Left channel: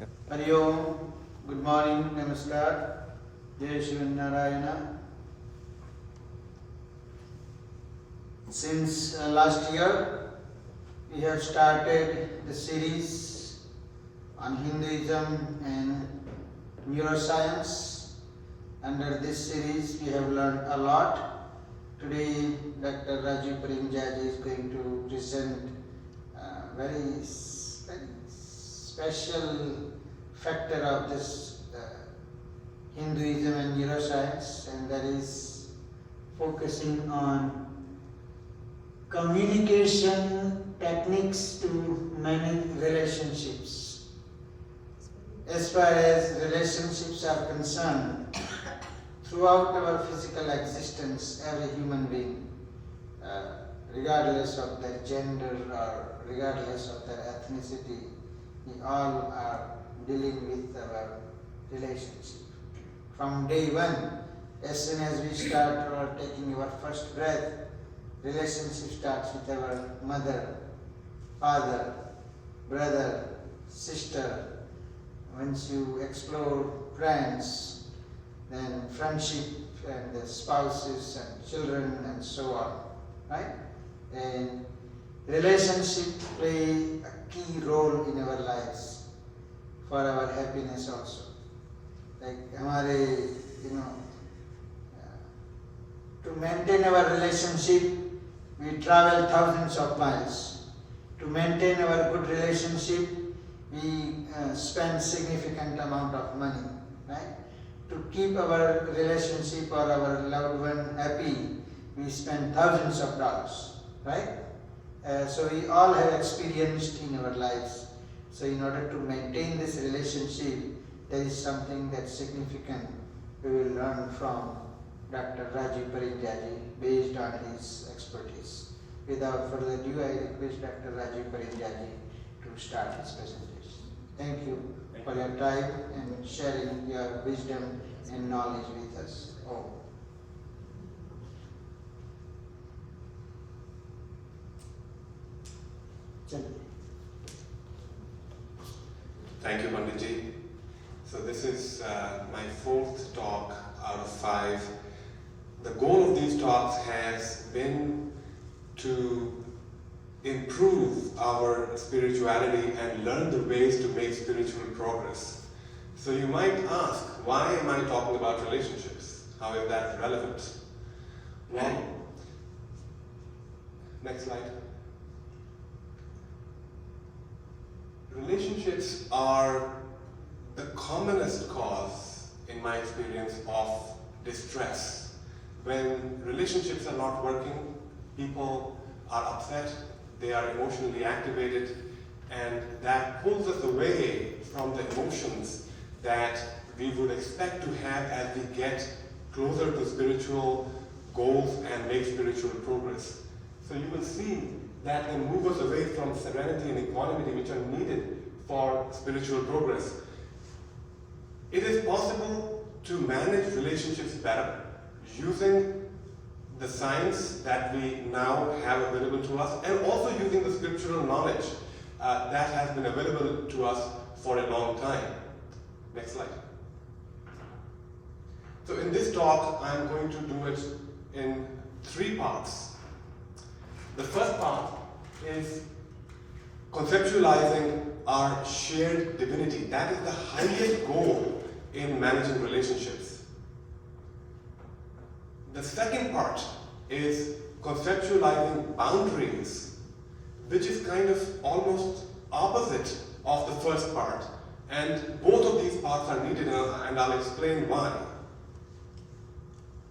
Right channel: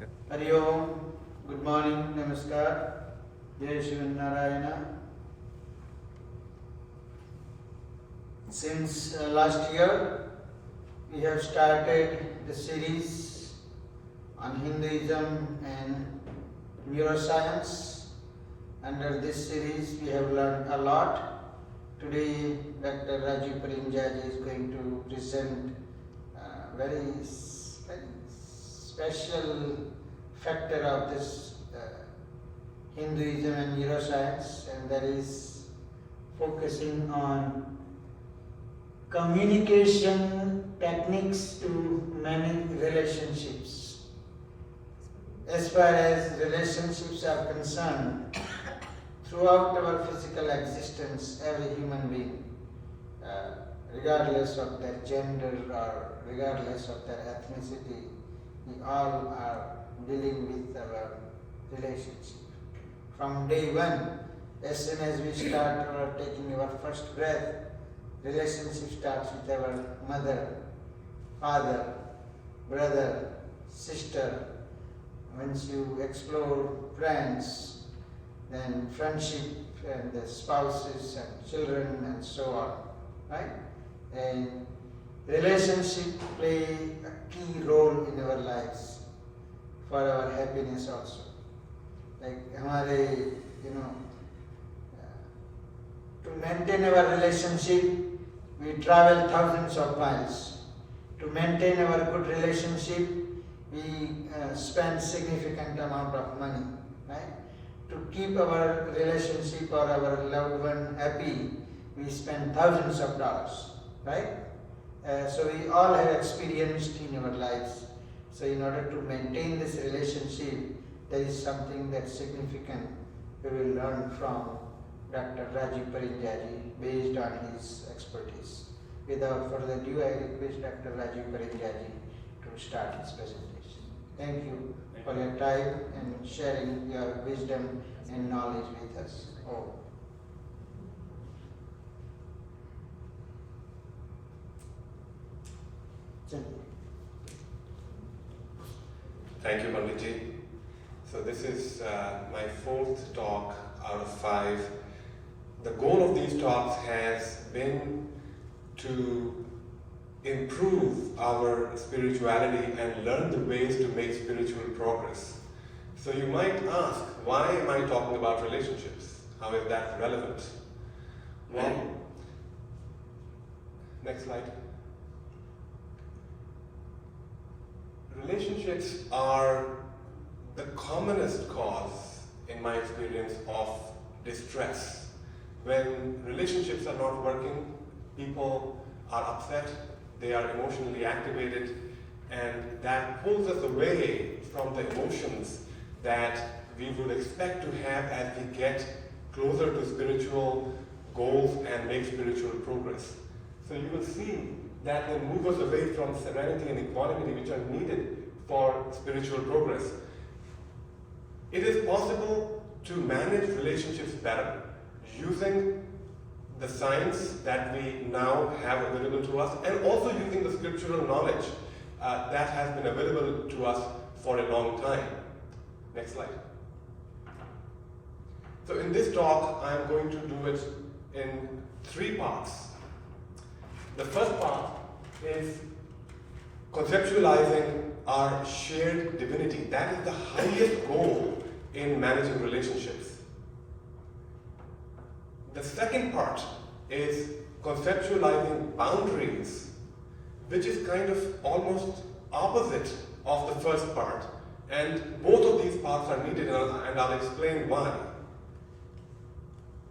Hari Om, good morning, Namaskar, Jai Shiva Narayana. Since last year, we have started the series on Hinduism and Neuroscience. Under this series, we have learned a lot. Today, Dr. Rajiv Parinjaji is going to present a very special factor of this Hinduism and Neuroscience, and that is focusing on communication techniques to manage relationships. As far as relationships are concerned, throughout our physical existence, every human being, regardless of their gender or regardless of their ethnicity, we all are dealing with our relationship. From day one, as soon as we start taking our first breath, relationship starts with our mother, father, brother, sister. Once you explore friends, then friendship and the spouses and children and so on, right? And relationships play a key role in our lives for our happiness also. Like to maintain our relationship, we travel thousands of miles. To maintain our good relationship, we spend significant amount of money, right? To keep our relationship or our loved one happy, we spend thousands of dollars, right? So we all have experienced in our lives. So in order to maintain this relationship, there is something that's significant we will learn from Dr. Rajiv Parinjaji based on his expertise. Without further ado, I request Dr. Rajiv Parinjaji to start his presentation. Thank you for your time and sharing your wisdom and knowledge with us all. Thank you, Panditji. So this is my fourth talk out of 5. The goal of these talks has been to improve our spirituality and learn the ways to make spiritual progress. So you might ask, why am I talking about relationships? How is that relevant? Well, next slide. Relationships are the commonest cause, in my experience, of distress. When relationships are not working, people are upset, they are emotionally activated, and that pulls us away from the emotions that we would expect to have as we get closer to spiritual goals and make spiritual progress. So you will see that will move us away from serenity and equanimity, which are needed for spiritual progress. It is possible to manage relationships better using the science that we now have available to us, and also using the scriptural knowledge that has been available to us for a long time. Next slide. So in this talk, I'm going to do it in 3 parts. The first part is conceptualizing our shared divinity. That is the highest goal in managing relationships. The second part is conceptualizing boundaries, which is kind of almost opposite of the first part. And both of these parts are needed, and I'll explain why.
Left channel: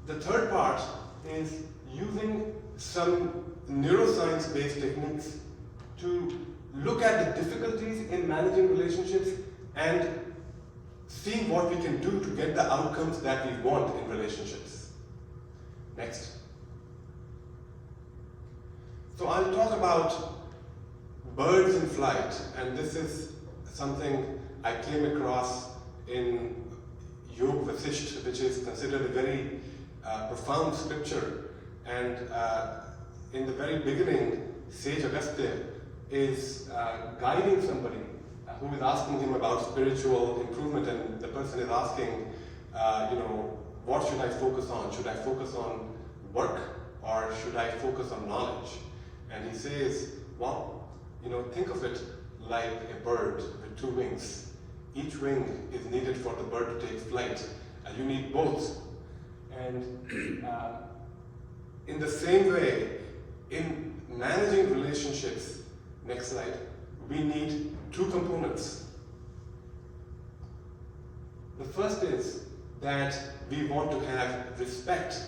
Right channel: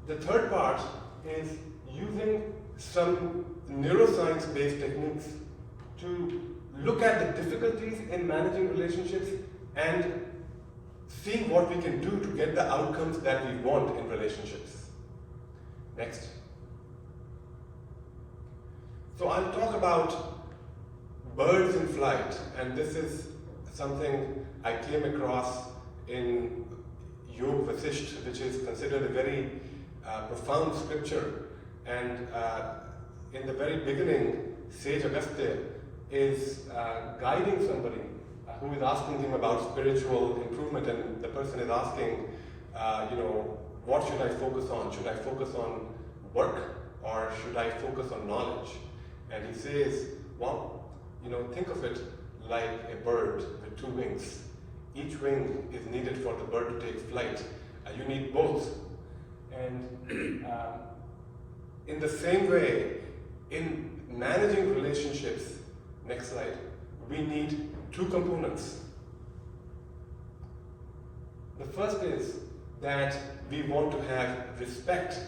The third part is using some neuroscience-based techniques to look at the difficulties in managing relationships and see what we can do to get the outcomes that we want in relationships. Next. So I'll talk about birds in flight, and this is something I came across in Yog Vasisht, which is considered a very profound scripture. And in the very beginning, Sage Agastya is guiding somebody who is asking him about spiritual improvement, and the person is asking, what should I focus on? Should I focus on work or should I focus on knowledge? And he says, well, think of it like a bird with two wings. Each wing is needed for the bird to take flight, and you need both. And in the same way, in managing relationships, next slide, we need two components. The first is that we want to have respect,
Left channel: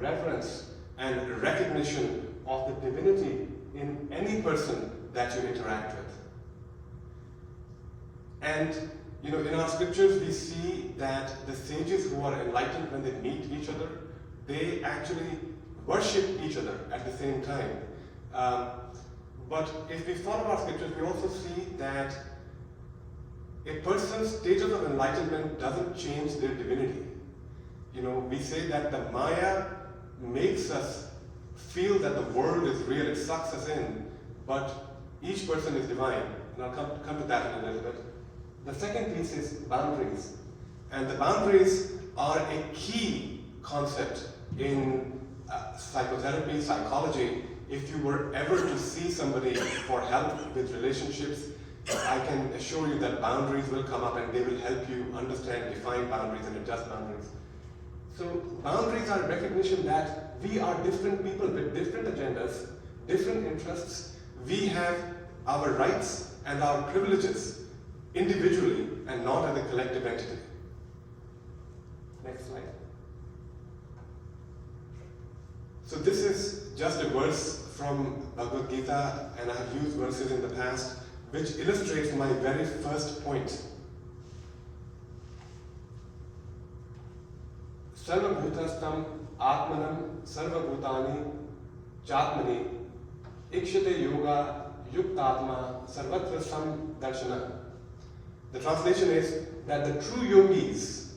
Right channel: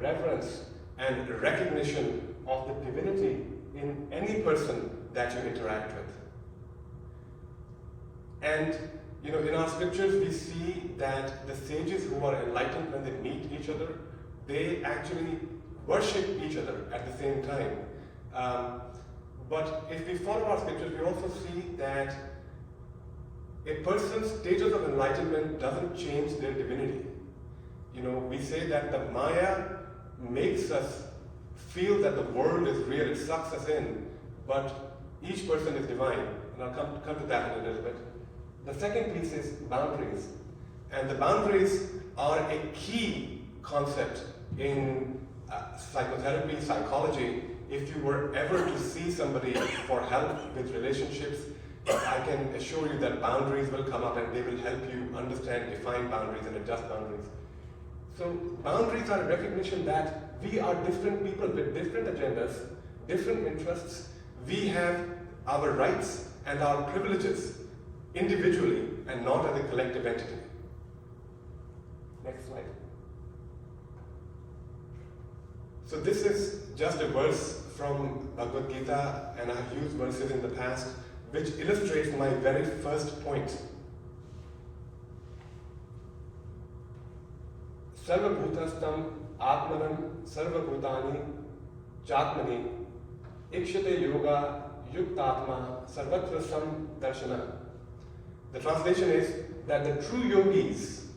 reverence, and recognition of the divinity in any person that you interact with. And in our scriptures we see that the sages who are enlightened, when they meet each other, they actually worship each other at the same time. But if we follow our scriptures, we also see that a person's status of enlightenment doesn't change their divinity. We say that the Maya makes us feel that the world is real, it sucks us in, but each person is divine. And I'll come to that in a little bit. The second piece is boundaries. And the boundaries are a key concept in psychotherapy, psychology. If you were ever to see somebody for help with relationships, I can assure you that boundaries will come up and they will help you understand, define boundaries and adjust boundaries. So boundaries are a recognition that we are different people with different agendas, different interests. We have our rights and our privileges individually and not as a collective entity. Next slide. So this is just a verse from Bhagavad Gita, and I have used verses in the past which illustrates my very first point. Sarva bhutastam atmanam sarva bhutani chatmani ikshate yoga yuktatma sarvatra sam darshana. The translation is that the true yogis,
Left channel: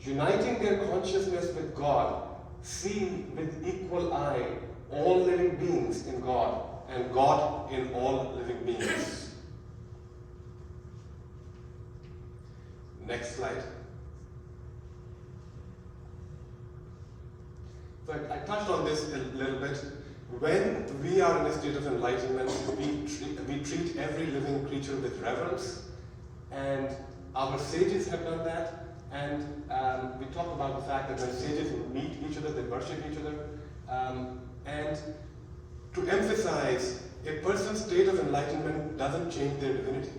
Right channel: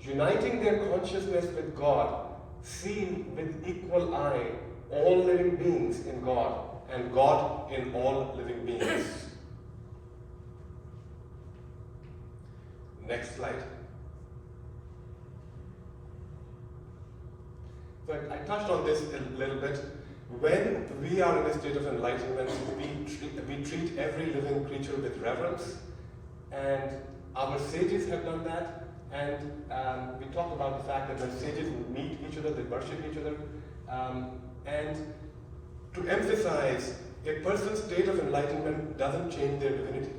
uniting their consciousness with God, see with equal eye all living beings in God and God in all living beings. Next slide. So I touched on this a little bit. When we are in a state of enlightenment, we treat every living creature with reverence, and our sages have done that. And we talked about the fact that when sages will meet each other, they worship each other. And to emphasize, a person's state of enlightenment doesn't change their divinity.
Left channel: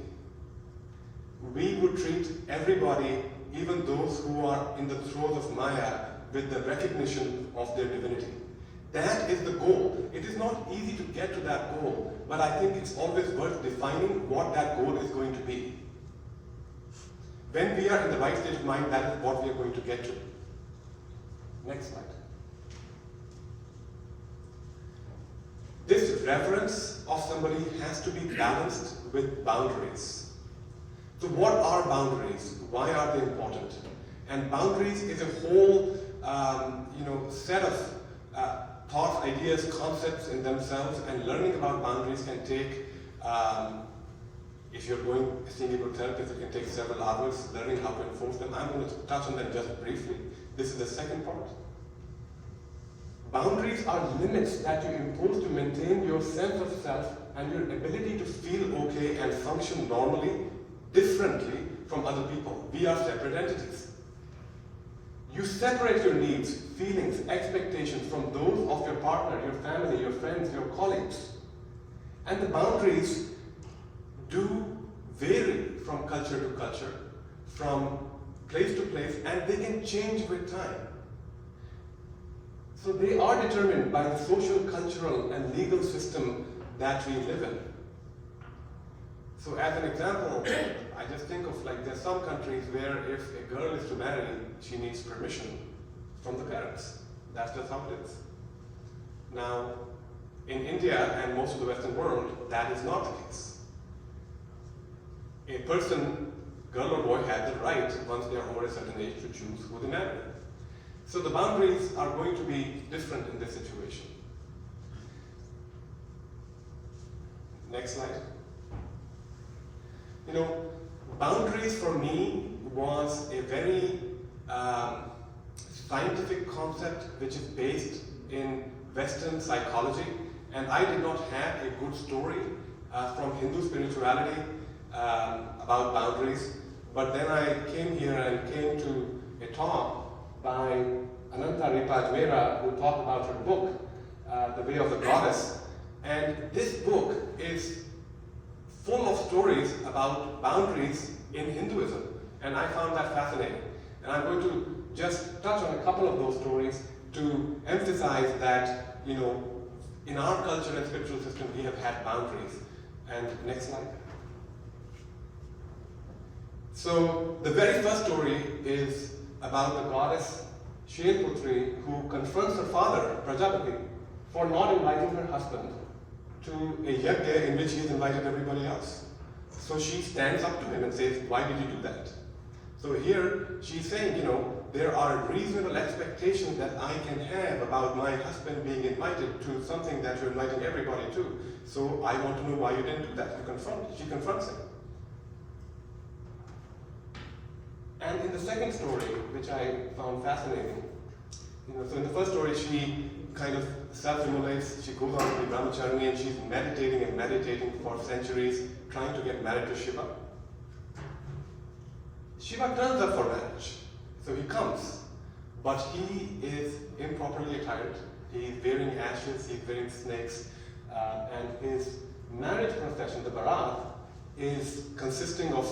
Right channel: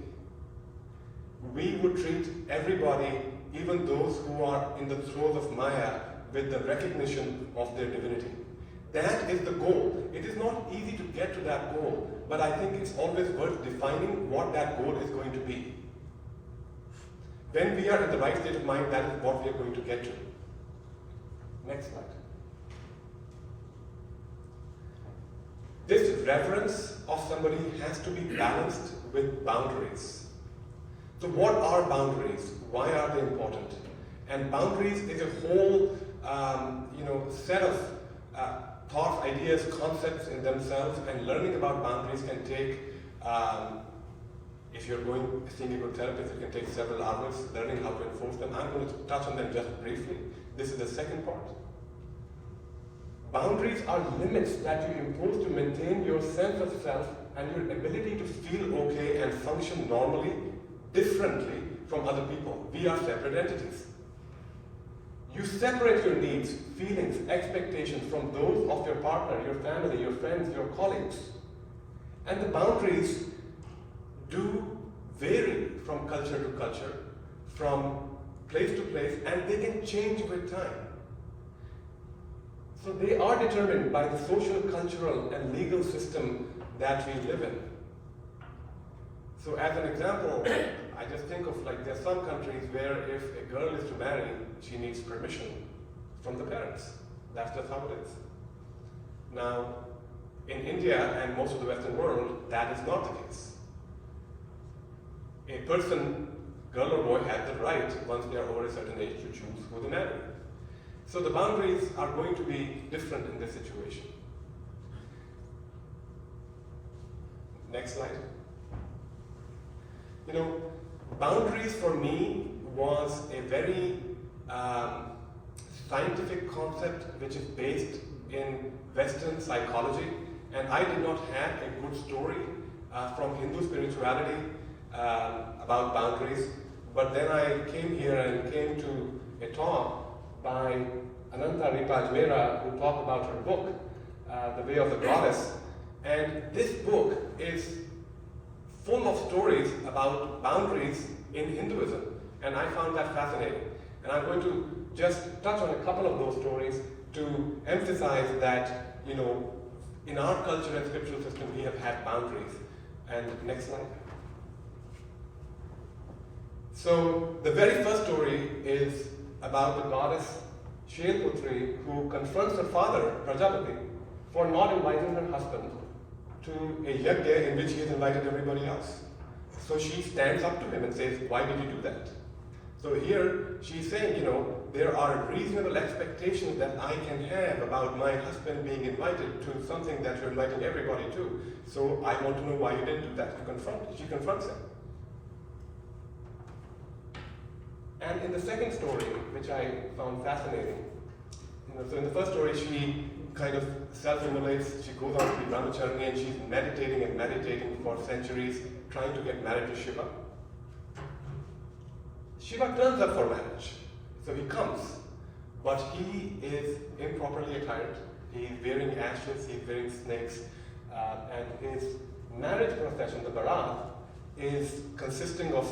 We would treat everybody, even those who are in the throes of Maya, with the recognition of their divinity. That is the goal. It is not easy to get to that goal, but I think it's always worth defining what that goal is going to be. When we are in the right state of mind, that is what we are going to get to. Next slide. This reverence of somebody has to be balanced with boundaries. So what are boundaries? Why are they important? And boundaries is a whole set of thoughts, ideas, concepts in themselves, and learning about boundaries can take, if you're seeing a good therapist, it can take several hours learning how to enforce them. I'm going to touch on them just briefly. This is the second part. Boundaries are limits that you impose to maintain your sense of self and your ability to feel okay and function normally, differently from other people. We are separate entities. You separate your needs, feelings, expectations from those of your partner, your family, your friends, your colleagues. And the boundaries do vary from culture to culture, from place to place, and they can change with time. So they are determined by the social, cultural, and legal system that we live in. So as an example, I just think of there's some countries where if a girl is to marry, she needs permission from the parents. That's just how it is. Now, in India and most of the Western world, that is not the case. A person, girl or boy, has the right, once they are over a certain age, to choose who they marry. So the boundaries are going to be different in this situation. Next slide. You know, boundaries for me was a very scientific concept which is based in Western psychology, and I did not have a good story from Hindu spirituality about boundaries. But then I came here and came to a talk by Ananta Ripajmera, who talked about her book, The Way of the Goddess. And this book is full of stories about boundaries in Hinduism. And I found that fascinating. And I'm going to just touch on a couple of those stories to emphasize that, you know, in our culture and spiritual system, we have had boundaries. And next slide. So the very first story is about the goddess Shailputri, who confronts her father, Prajapati, for not inviting her husband to a yajna in which he has invited everybody else. So she stands up to him and says, why did you do that? So here she's saying, you know, there are reasonable expectations that I can have about my husband being invited to something that you're inviting everybody to. So I want to know why you didn't do that. She confronts him. And in the second story, which I found fascinating, you know, so in the first story she kind of self-immolates, she goes on to be brahmachari and she's meditating for centuries, trying to get married to Shiva. Shiva turns up for marriage, so he comes, but he is improperly attired. He's wearing ashes, he's wearing snakes, and his marriage procession, the Bharat, is consisting of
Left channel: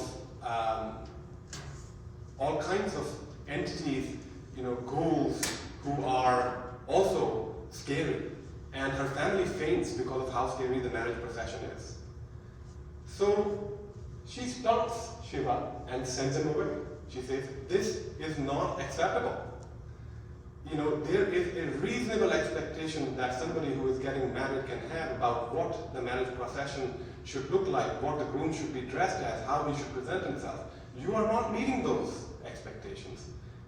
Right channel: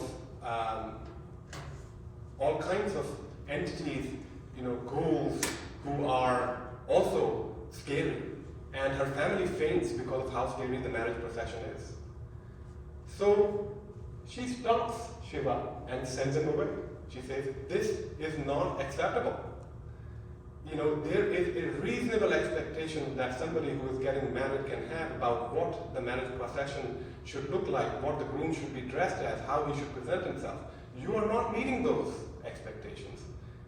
all kinds of entities, you know, ghouls who are also scary, and her family faints because of how scary the marriage procession is. So she stops Shiva and sends him away. She says, this is not acceptable. You know, there is a reasonable expectation that somebody who is getting married can have about what the marriage procession should look like, what the groom should be dressed as, how he should present himself. You are not meeting those expectations.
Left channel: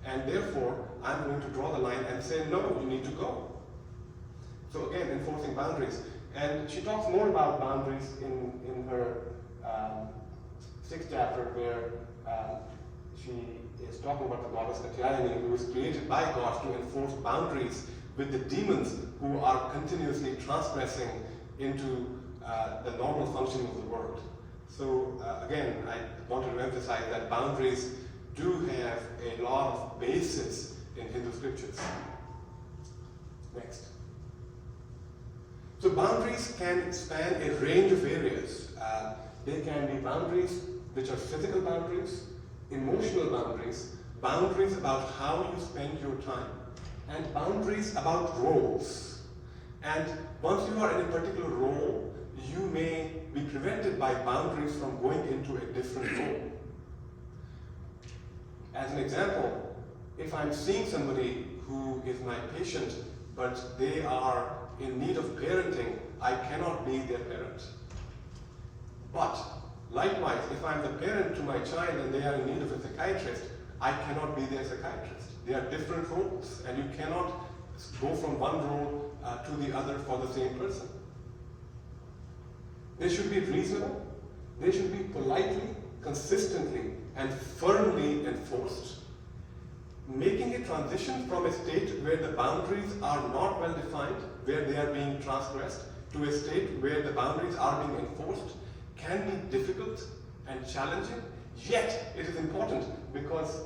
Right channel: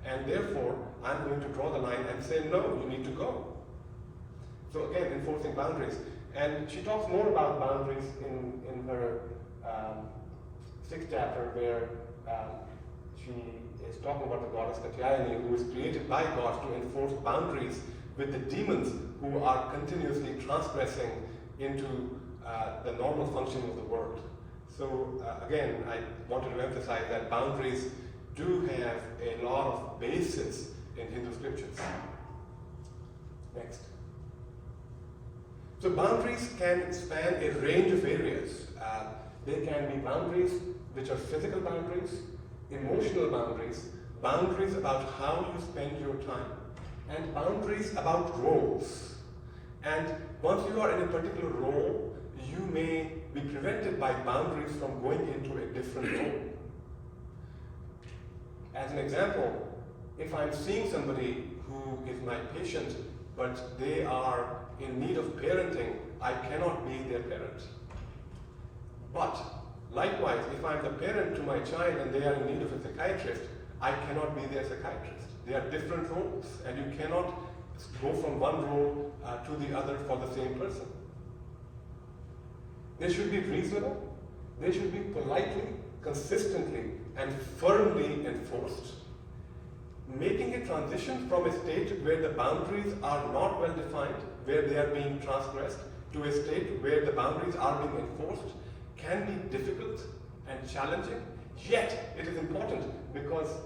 And therefore, I'm going to draw the line and say, no, you need to go. So again, enforcing boundaries. And she talks more about boundaries in her sixth chapter, where she is talking about the goddess Katyayani, who is created by God to enforce boundaries with the demons who are continuously transgressing into the normal functioning of the world. So again, I wanted to emphasize that boundaries do have a lot of basis in Hindu scriptures. Next. So boundaries can span a range of areas. They can be boundaries which are physical boundaries, emotional boundaries, boundaries about how you spend your time, and boundaries about roles. And once you are in a particular role, you may be prevented by boundaries from going into a different role. As an example, if I'm seeing somebody who is my patient, but they are in need of parenting, I cannot be their parent. But likewise, if I'm the parent to my child and they are in need of a psychiatrist, I cannot be their psychiatrist. They are different roles, and you cannot go from one role to the other for the same person. They should be reasonable, they should be politely, consistently, and firmly enforced. Making a transition from a state where the boundaries are not well defined, where they are being transgressed, to a state where the boundaries are being enforced can be difficult and challenging, yet it is important because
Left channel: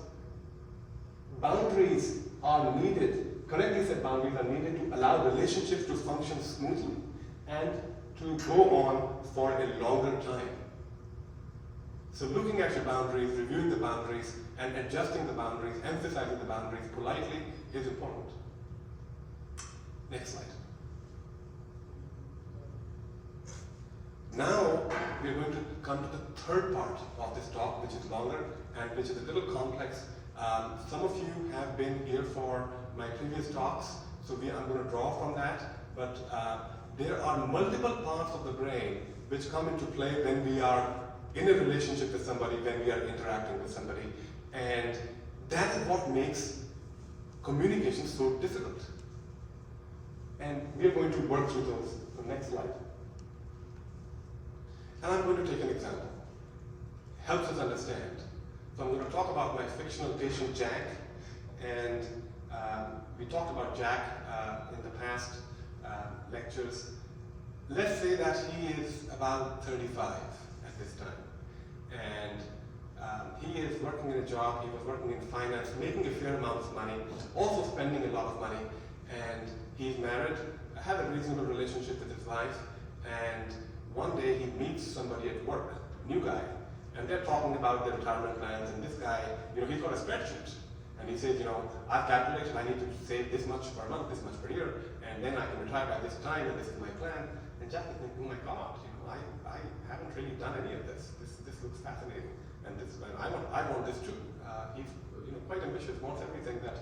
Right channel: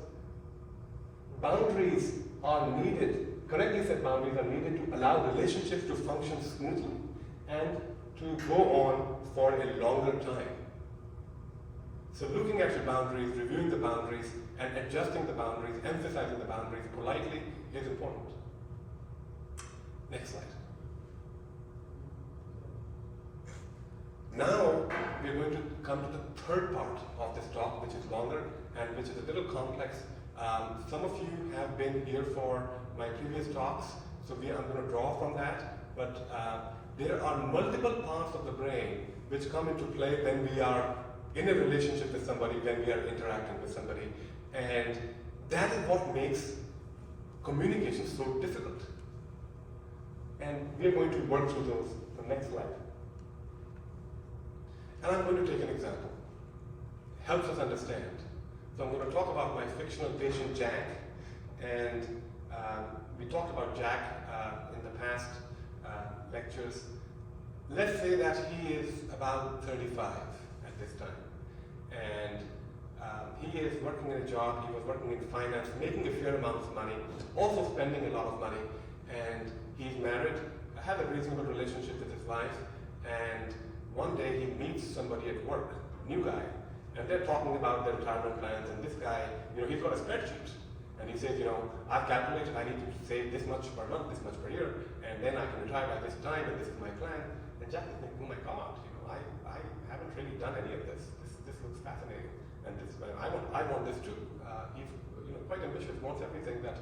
boundaries are needed, correctly said boundaries are needed to allow relationships to function smoothly and to go on for a longer time. So looking at your boundaries, reviewing the boundaries, and adjusting the boundaries, emphasizing the boundaries politely is important. Next slide. Now we're going to come to the third part of this talk, which is longer and which is a little complex. Some of you have been here for my previous talks, so I'm going to draw from that. But there are multiple parts of the brain which come into play when we are in a relationship with somebody, when we are interacting with somebody. And that is what makes communication so difficult. And we are going to work through those. The next slide. And I'm going to take an example. helps us understand. So I'm going to talk about my fictional patient Jack, and we talked about Jack in the past lectures. Let's say that he is about 35 at this time, and he is working in a job, he was working in finance, making a fair amount of money, also spending a lot of money, and he's married, has a reasonable relationship with his wife, and one day he meets somebody at work, a new guy, and they're talking about their retirement plans, and this guy, he's got a spreadsheet, and he says, I've calculated I need to save this much per month, this much per year, and then I can retire by this time, and this is my plan. And Jack is thinking, oh my God, I haven't really done any of this. This looks fascinating, and I want this too. He's quite ambitious, wants everything that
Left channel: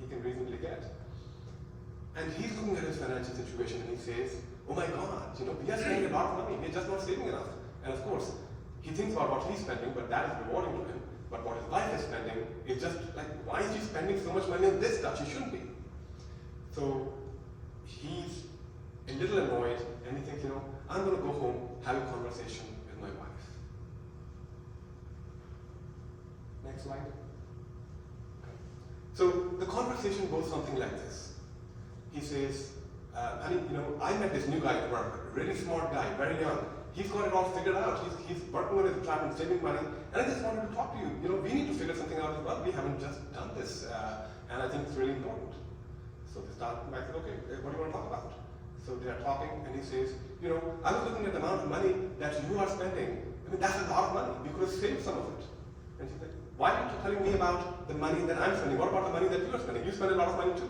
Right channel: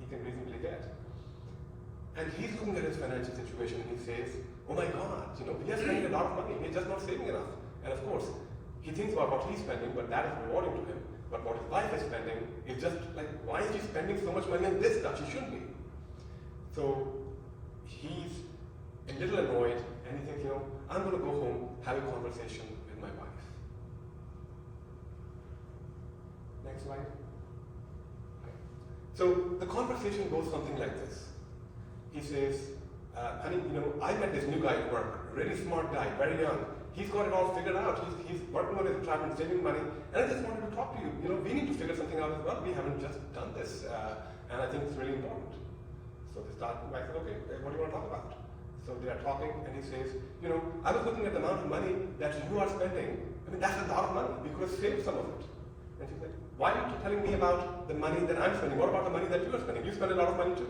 he can reasonably get. And he's looking at his financial situation, and he says, oh my God, we are spending a lot of money, we're just not saving enough. And of course, he thinks about what he's spending, but that is rewarding to him. But what his wife is spending is just like, why is she spending so much money on this stuff? She shouldn't be. So he's a little annoyed, and he thinks, I'm going to go home, have a conversation with my wife. Next slide. Okay. So the conversation goes something like this. He says, honey, I met this new guy at work, really smart guy, very young. He's got it all figured out. He's working on his retirement, saving money, and I just wanted to talk to you. We need to figure something out as well. We haven't just done this, and I think it's really important. So they start, I said, okay, what do you want to talk about? So they are talking, and he says, I was looking at the amount of money that you are spending. That's a lot of money. We could have saved some of it. And she said, why aren't you telling me about the money that I'm spending? What about the money that you are spending? You spend a lot of money too.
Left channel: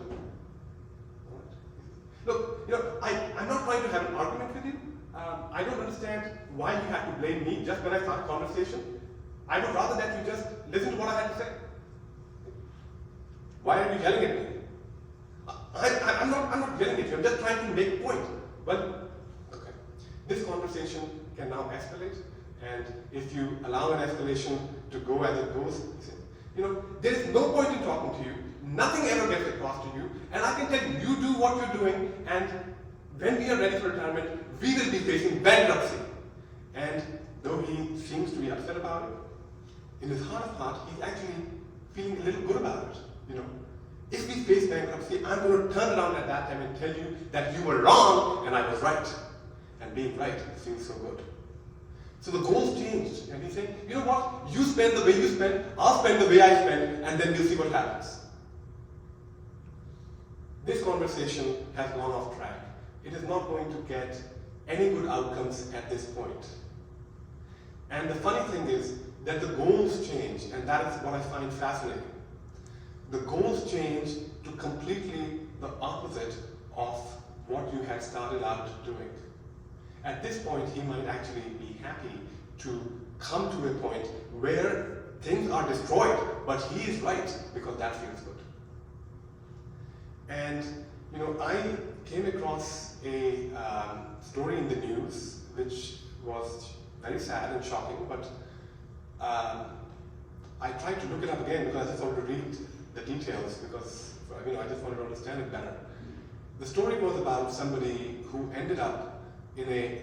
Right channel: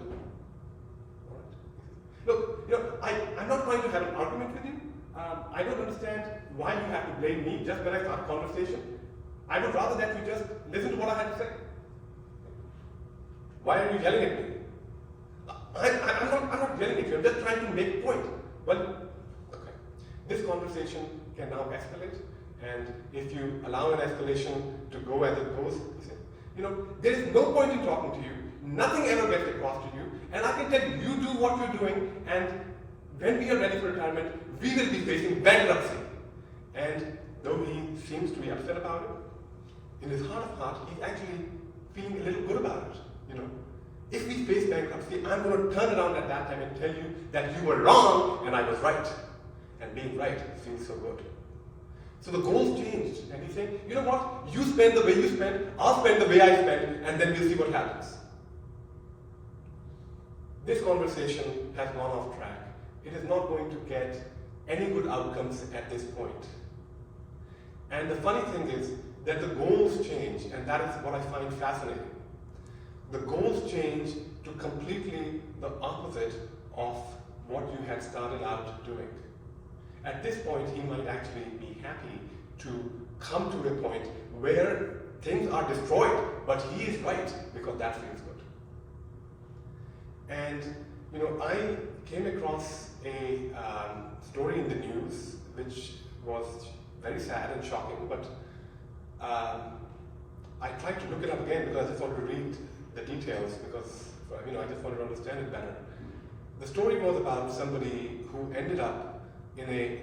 Look, I'm not trying to have an argument with you. I don't understand why you have to blame me just when I start a conversation. I would rather that you just listen to what I have to say. Why are you yelling at me? I'm not yelling at you, I'm just trying to make a point. Well, okay. This conversation can now escalate, and if you allow an escalation to go as it goes, there is no point in talking to you, nothing ever gets across to you, and I can tell you, you do what you're doing, and when we are ready for retirement, we will be facing bankruptcy. And though he seems to be upset about it, in his heart of hearts, he's actually feeling a little good about it. If we face bankruptcy, I'm going to turn around at that time and tell you that you were wrong and I was right. And being right feels so good. So the goals changed, and he's saying, you know what? You spend the way you spend, I'll spend the way I spend, and then we'll see what happens. This conversation has gone off track. It is not going to get any good outcomes at this point. And the funny thing is that the goals change, and that is what I find fascinating. The goals change to completely the opposite of what you had started out doing. At this point, he might actually be happy to come to a point where things are destroyed, but he is right because that feels good. And I came across a story in the news which was very sad and shocking, but I tried to look it up again because I just wanted to read the details because I just wanted to understand it better. The story was about somebody who ended up in a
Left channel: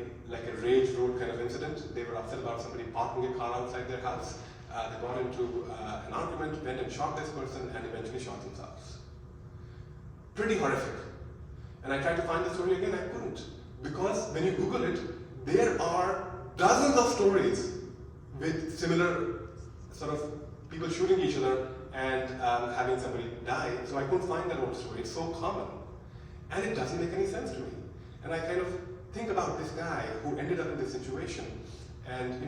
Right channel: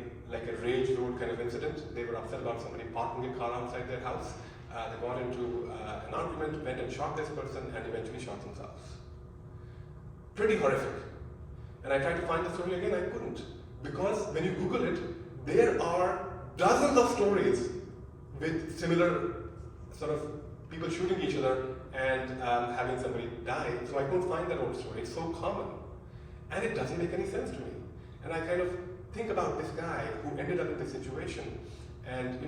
rage road kind of incident. They were upset about somebody parking a car outside their house. They got into an argument, went and shot this person, and eventually shot themselves. Pretty horrific. And I tried to find the story again, I couldn't. Because when you Google it, there are dozens of stories with similar sort of people shooting each other and having somebody die. So I couldn't find that old story. It's so common. And it doesn't make any sense to me. And I kind of think about this guy who ended up in this situation. And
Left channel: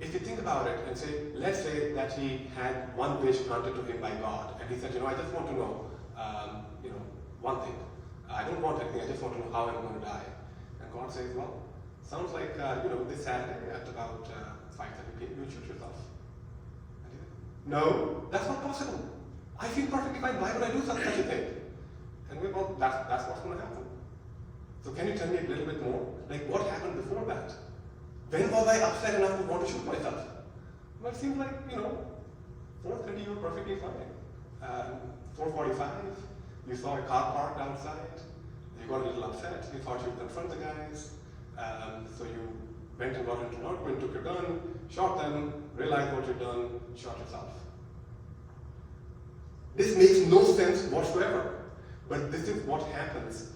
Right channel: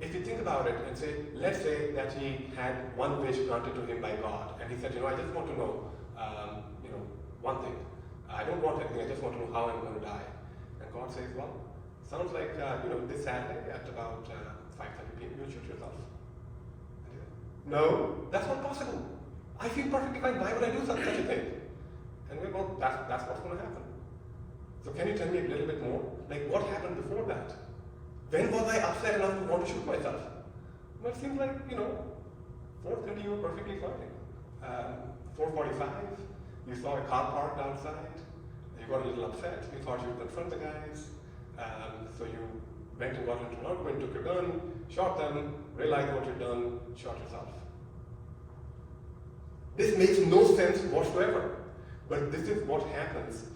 if you think about it and say, let's say that he had one wish granted to him by God. And he said, I just want to know, one thing. I don't want anything, I just want to know how I'm going to die. And God says, well, sounds like, this Saturday at about 5:30 p.m. you'll shoot yourself. No, that's not possible. I feel perfectly fine. Why would I do such a thing? And we go, that's what's going to happen. So can you tell me a little bit more? Like what happened before that? When was I upset enough to want to shoot myself? Well, it seems like, 4:30 you were perfectly fine. 4:45, you saw a car parked outside. You got a little upset. You thought you would confront the guys. So you went and got into an argument, took your gun, shot them, realized what you'd done, shot yourself. This makes no sense whatsoever, but this is what happens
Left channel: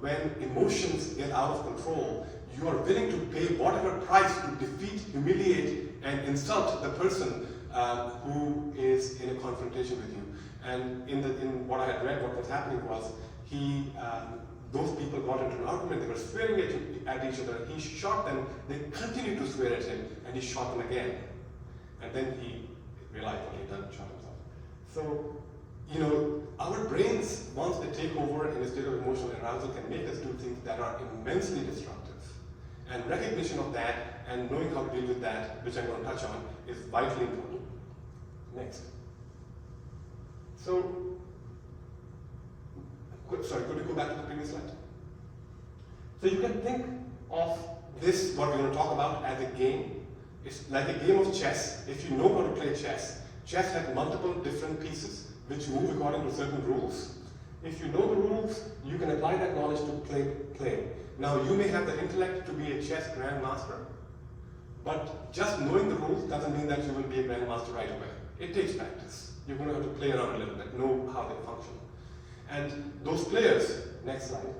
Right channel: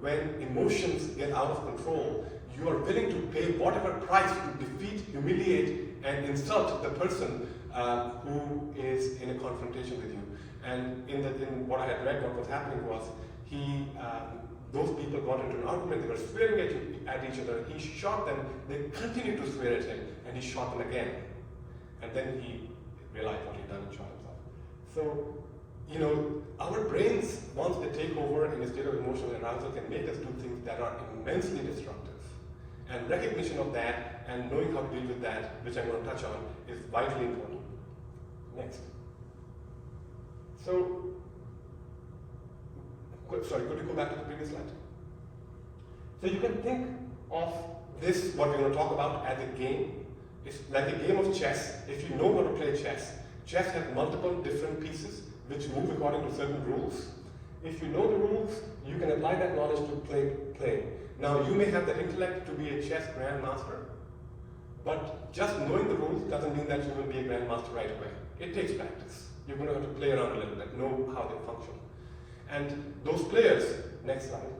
when emotions get out of control. You are willing to pay whatever price to defeat, humiliate, and insult the person who is in a confrontation with you. And in what I had read, what was happening was those people got into an argument, they were swearing at each other, he shot them, they continued to swear at him, and he shot them again. And then he realized what he'd done and shot himself. So, you know, our brains, once they take over in a state of emotional arousal, can make us do things that are immensely disruptive. And recognition of that and knowing how to deal with that, which I'm going to touch on, is vitally important. Next. So, sorry, could you go back to the previous slide? So you can think of this, what we're going to talk about, as a game. It's like a game of chess. If you know how to play chess, chess has multiple different pieces which move according to certain rules. If you know the rules, you can apply that knowledge to play. Now, you may have the intellect to be a chess grandmaster, but just knowing the rules doesn't mean that you will be a grandmaster right away. It takes practice. You're going to have to play around a little bit, know how they function. And those players, next slide,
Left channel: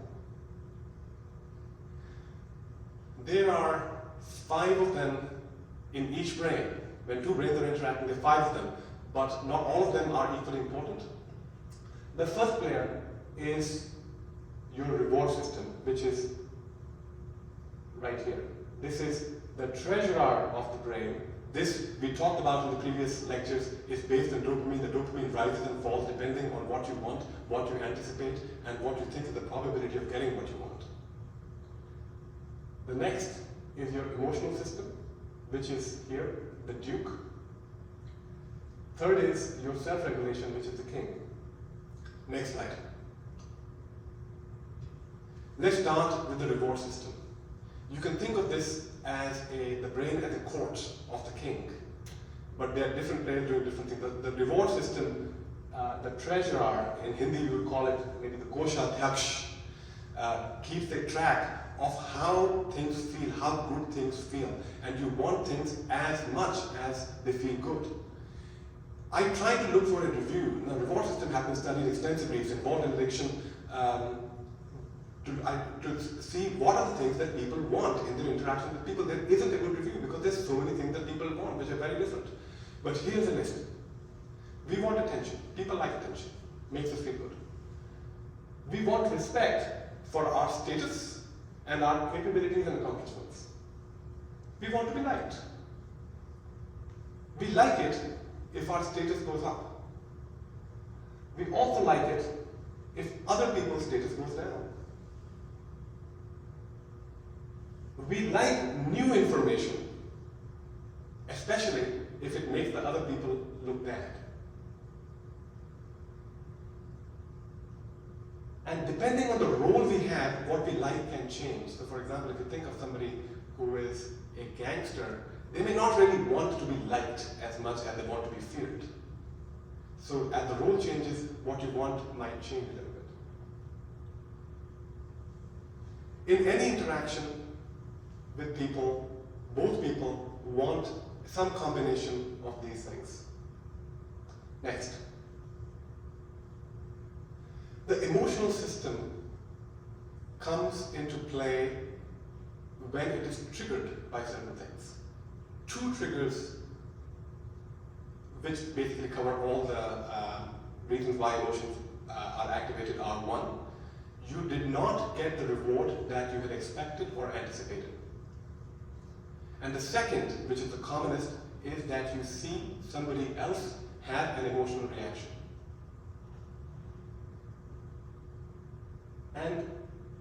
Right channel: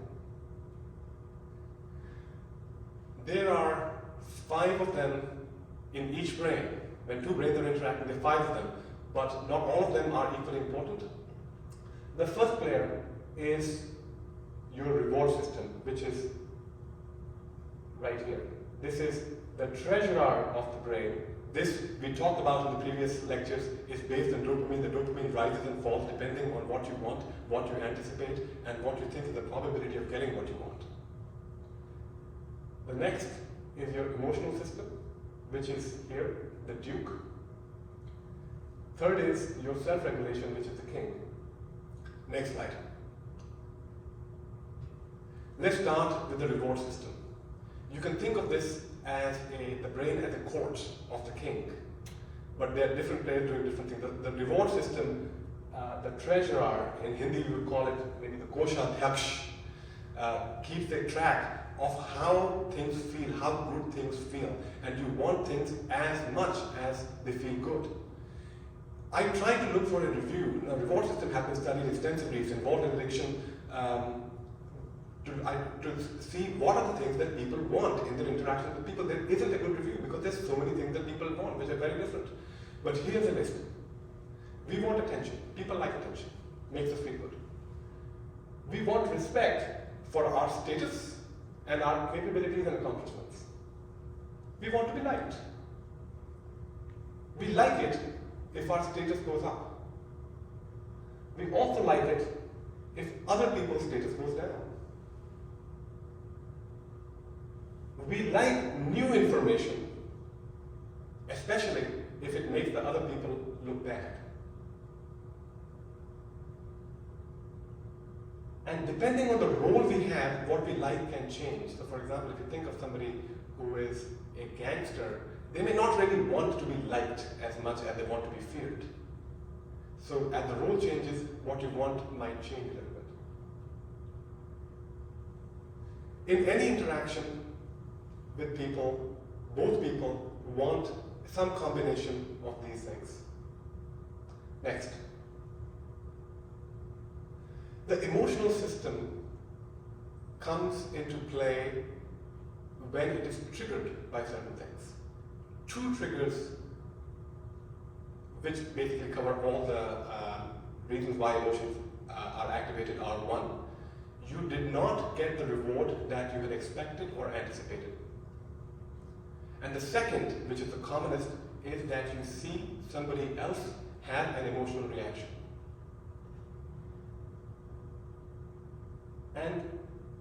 there are 5 of them in each brain. When 2 brains are interacting, there are 5 of them, but not all of them are equally important. The first player is your reward system, which is right here. This is the treasurer of the brain. This, we talked about in the previous lectures, is based on dopamine. The dopamine rises and falls depending on what you want, what you anticipate, and what you think is the probability of getting what you want. The next is your emotional system, which is here, the duke. Third is your self-regulation, which is the king. Next slide. Let's start with the reward system. You can think of this as the brain as a court of the king, but there are different players doing different things. The reward system, the treasurer, in Hindi we would call it maybe the Koshadhyaksh, keeps a track of how things feel, how good things feel, and you want things as much as they feel good. I tried to look for a review. The reward system has been studied extensively. It's involved in addiction, to see what are the things that people want in their interaction with people. There isn't a good review because there's so many things that people want, which are very different. But here's a list. We want attention. People like attention. Makes us feel good. We want respect for our status and our capabilities and accomplishments. We want to be liked. We like it if our status goes up. We also like it if other people's status goes down. We like new information, especially if it makes the other people look bad. And depending on the role we have, what we like can change. So for example, if you think of somebody who is a gangster, they may not really want to be liked as much as they want to be feared. So as the role changes, what you want might change a little bit. In any interaction with people, both people want some combination of these things. Next. The emotional system comes into play when it is triggered by certain things. 2 triggers, which basically cover all the reasons why emotions are activated, are 1, you did not get the reward that you had expected or anticipated. And the second, which is the commonest, is that you see somebody else have an emotional reaction. And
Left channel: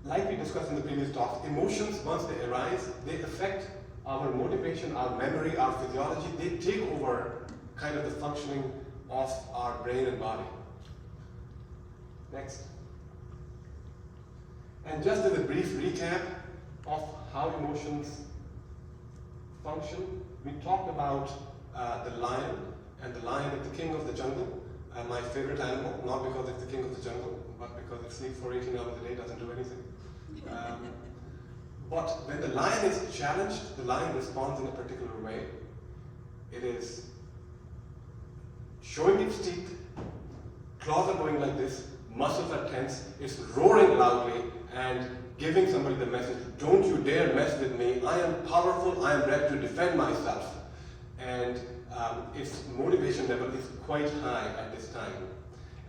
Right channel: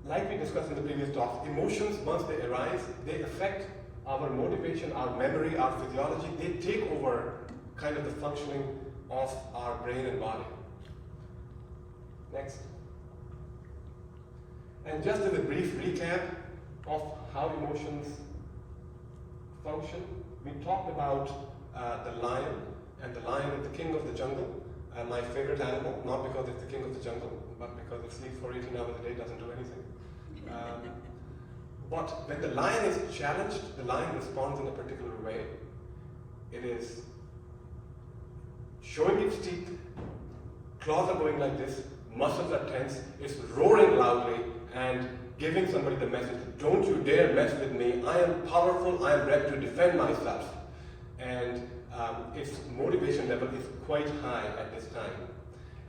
like we discussed in the previous talk, emotions, once they arise, they affect our motivation, our memory, our physiology. They take over kind of the functioning of our brain and body. Next. And just as a brief recap of how emotions function, we talked about the lion, and the lion is the king of the jungle. My favorite animal, not because it's the king of the jungle, but because it sleeps for 18 hours a day, doesn't do anything. But when the lion is challenged, the lion responds in a particular way. It is showing its teeth, claws are going like this, muscles are tense, it's roaring loudly and giving somebody the message, don't you dare mess with me, I am powerful, I am ready to defend myself. And its motivation level is quite high at this time.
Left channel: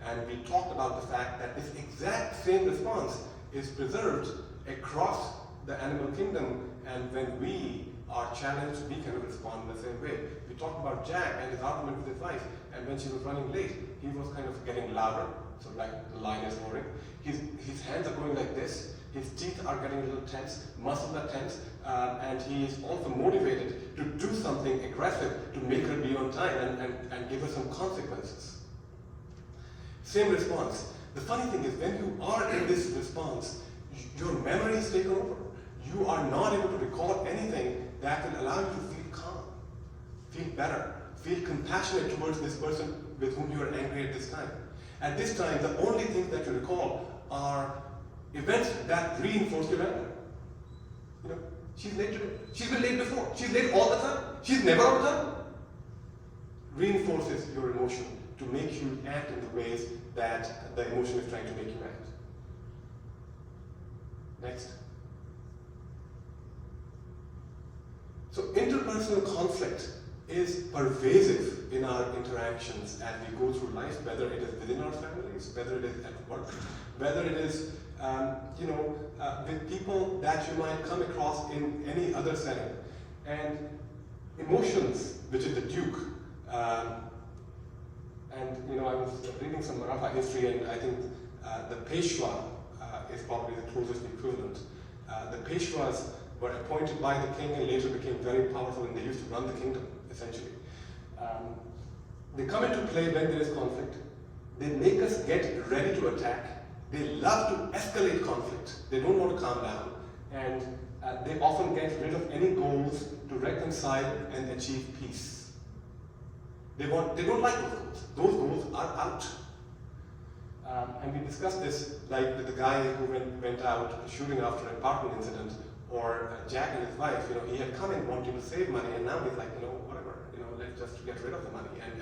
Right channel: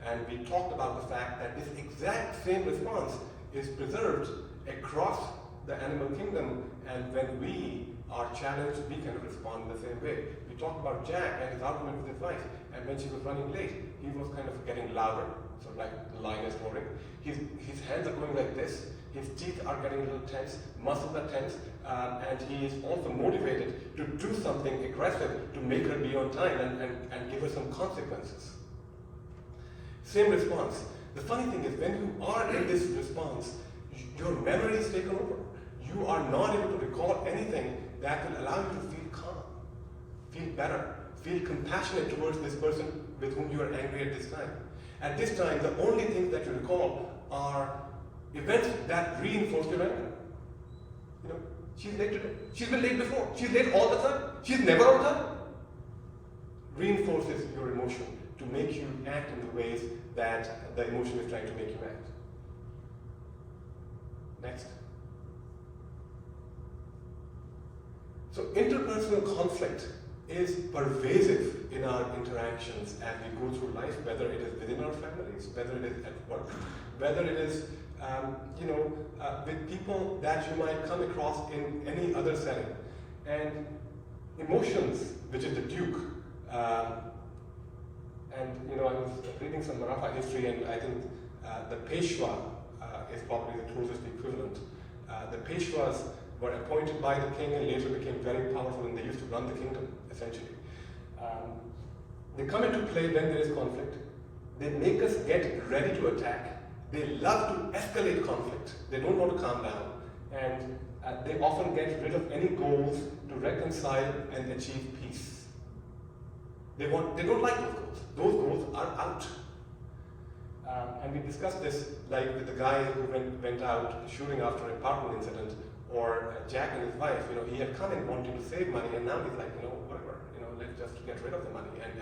And we talked about the fact that this exact same response is preserved across the animal kingdom, and when we are challenged, we can respond in the same way. We talked about Jack and his argument with his wife, and when she was running late, he was kind of getting louder, so like the lion is roaring. His hands are going like this, his teeth are getting a little tense, muscles are tense, and he is also motivated to do something aggressive to make her be on time and give her some consequences. Same response. The funny thing is, when you are in this response, your memory is taken over. You are not able to recall anything that will allow you to feel calm, feel better, feel compassionate towards this person with whom you are angry at this time. At this time, the only things that you recall are events that reinforce your anger. You know, she's late today. She's been late before. She's late all the time. She's never on time. Reinforces your emotion to make you act in the ways that the emotion is trying to make you act. Next. So interpersonal conflict is pervasive in our interactions as we go through life, whether it is within our families, whether it is at work, whether it is with people that you might come across in any other setting. And emotions, which is the Duke, and I was reading some Maratha history, and I think the Peshwa is probably the closest equivalent. The Peshwas were appointed by the king and later became very powerful, and they used to run the kingdom, essentially. They come into play when there is conflict. They make us get ready to attack. They love to escalate conflict. They don't want to calm down. And they often get rid of any goals to reconcile and achieve peace. They don't like those goals. Those goals are out. And we discussed this, like with the guy who went out shooting after an apartment incident, or Jack and his wife. He had come in wanting to save money, and now he's like, whatever, let's just get rid of the money, and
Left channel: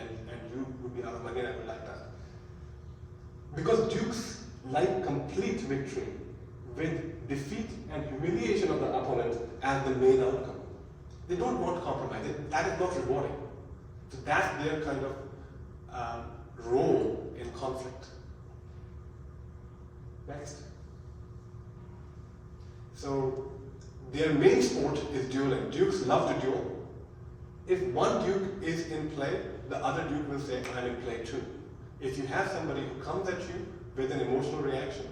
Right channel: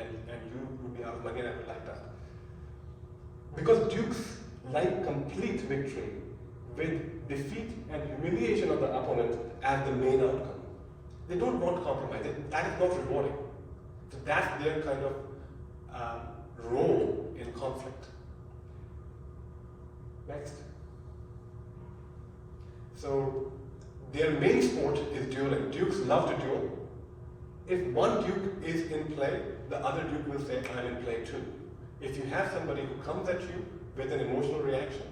you would be out of money, and I would like that. Because dukes like complete victory, with defeat and humiliation of the opponent as the main outcome. They don't want compromise. That is not rewarding. So that's their kind of role in conflict. Next. So their main sport is dueling. Dukes love to duel. If one duke is in play, the other duke will say, I'm in play too. If you have somebody who comes at you with an emotional reaction,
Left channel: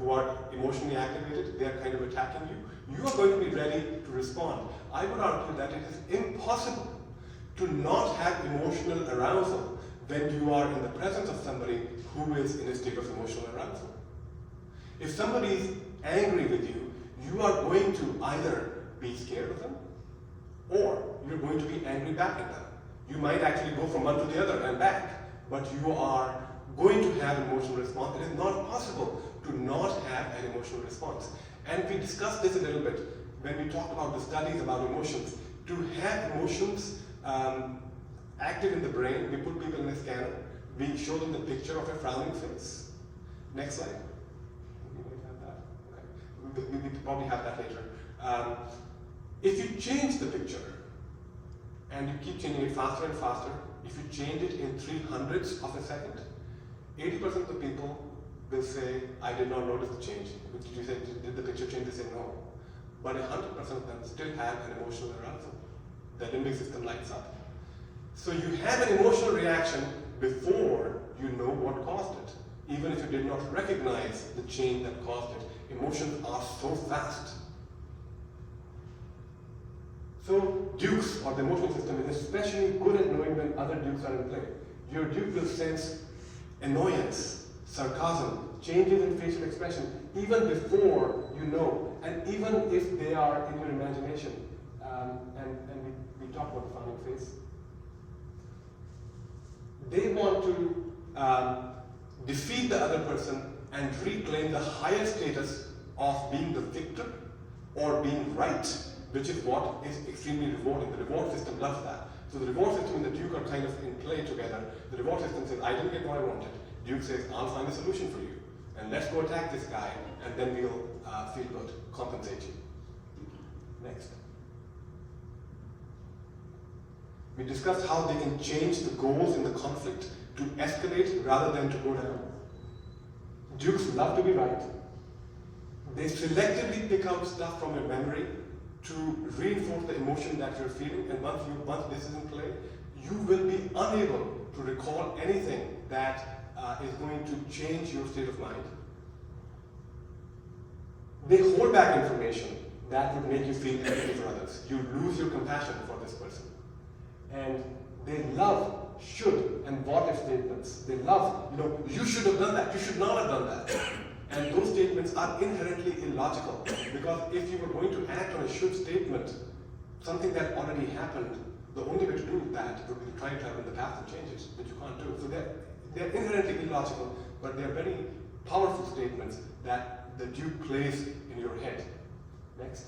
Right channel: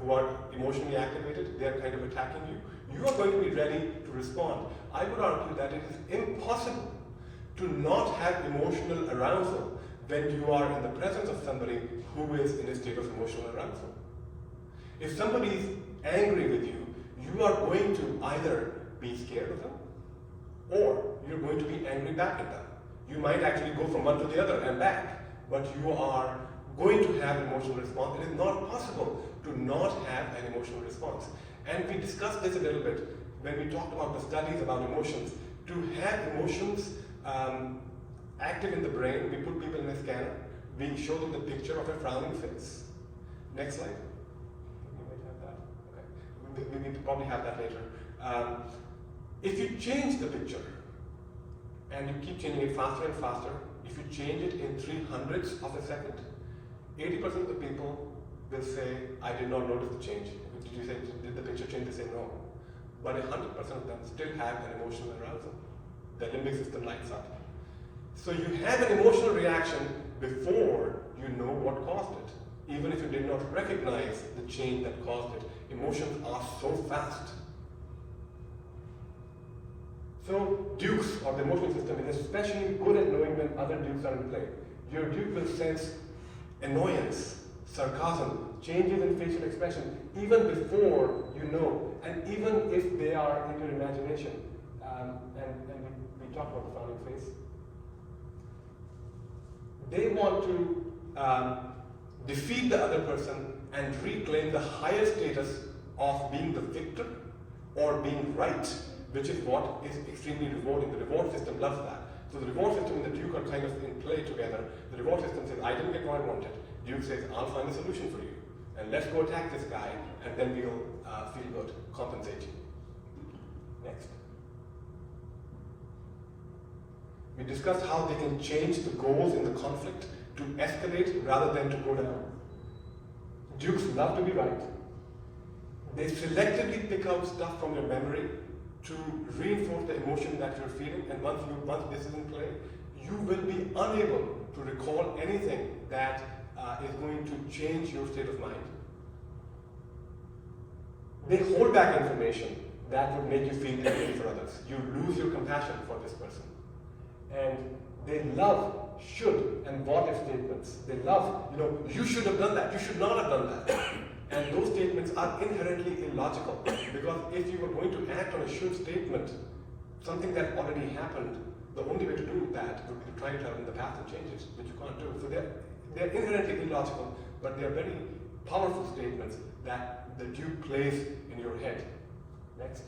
who are emotionally activated, they are kind of attacking you, you are going to be ready to respond. I would argue that it is impossible to not have emotional arousal when you are in the presence of somebody who is in a state of emotional arousal. If somebody is angry with you, you are going to either be scared of them, or you're going to be angry back at them. You might actually go from one to the other and back, but you are going to have an emotional response. It is not possible to not have an emotional response. And we discussed this a little bit when we talked about the studies about emotions. To have emotions active in the brain, we put people in a scanner, we show them the picture of a frowning face. Next slide. We will probably have that later. If you change the picture, and you keep changing it faster and faster, if you change it in 300ths of a second, 80% of the people will say, I did not notice the change. Did the picture change? They say no. But 100% of them still have an emotional arousal. The limbic system lights up. So you have an emotional reaction before you know what caused it, even if you did not recognize the change that caused it. Emotions are so fast. So dukes, or the emotional system, is especially good at knowing when other dukes are in play. Your duke will sense annoyance, sarcasm, changes in facial expression, even before you know, and even if they are in your imagination. And we talked about the frowning face. They want to defeat the other person and reclaim the higher status of being the victor or being right, which is what is extremely rewarding. The reward system loves that. So the reward system and the Duke are kind of in play together. The reward system says, I didn't get what I wanted. Duke says, I'll find a solution for you. And let's go attack this guy, and then we'll feel good, compensate you. Next. We discussed how they can change the goals in the conflict to escalate rather than to go down. Dukes love to be right. They selectively pick out stuff from your memory to reinforce the emotion that you're feeling, and once this is in play, you will be unable to recall anything that is going to change your state of mind. They hold back information that would make you feel empathy for others. You lose your compassion for this person. And they love should and what if statements. They love, you should have done that, you should not have done that. And those statements are inherently illogical, because if you were going to act on a should statement, something that already happened, the only way to do that would be to try to travel the path and change it, which you can't do. So they're inherently illogical, but they're very powerful statements that the Duke plays in your head. Next.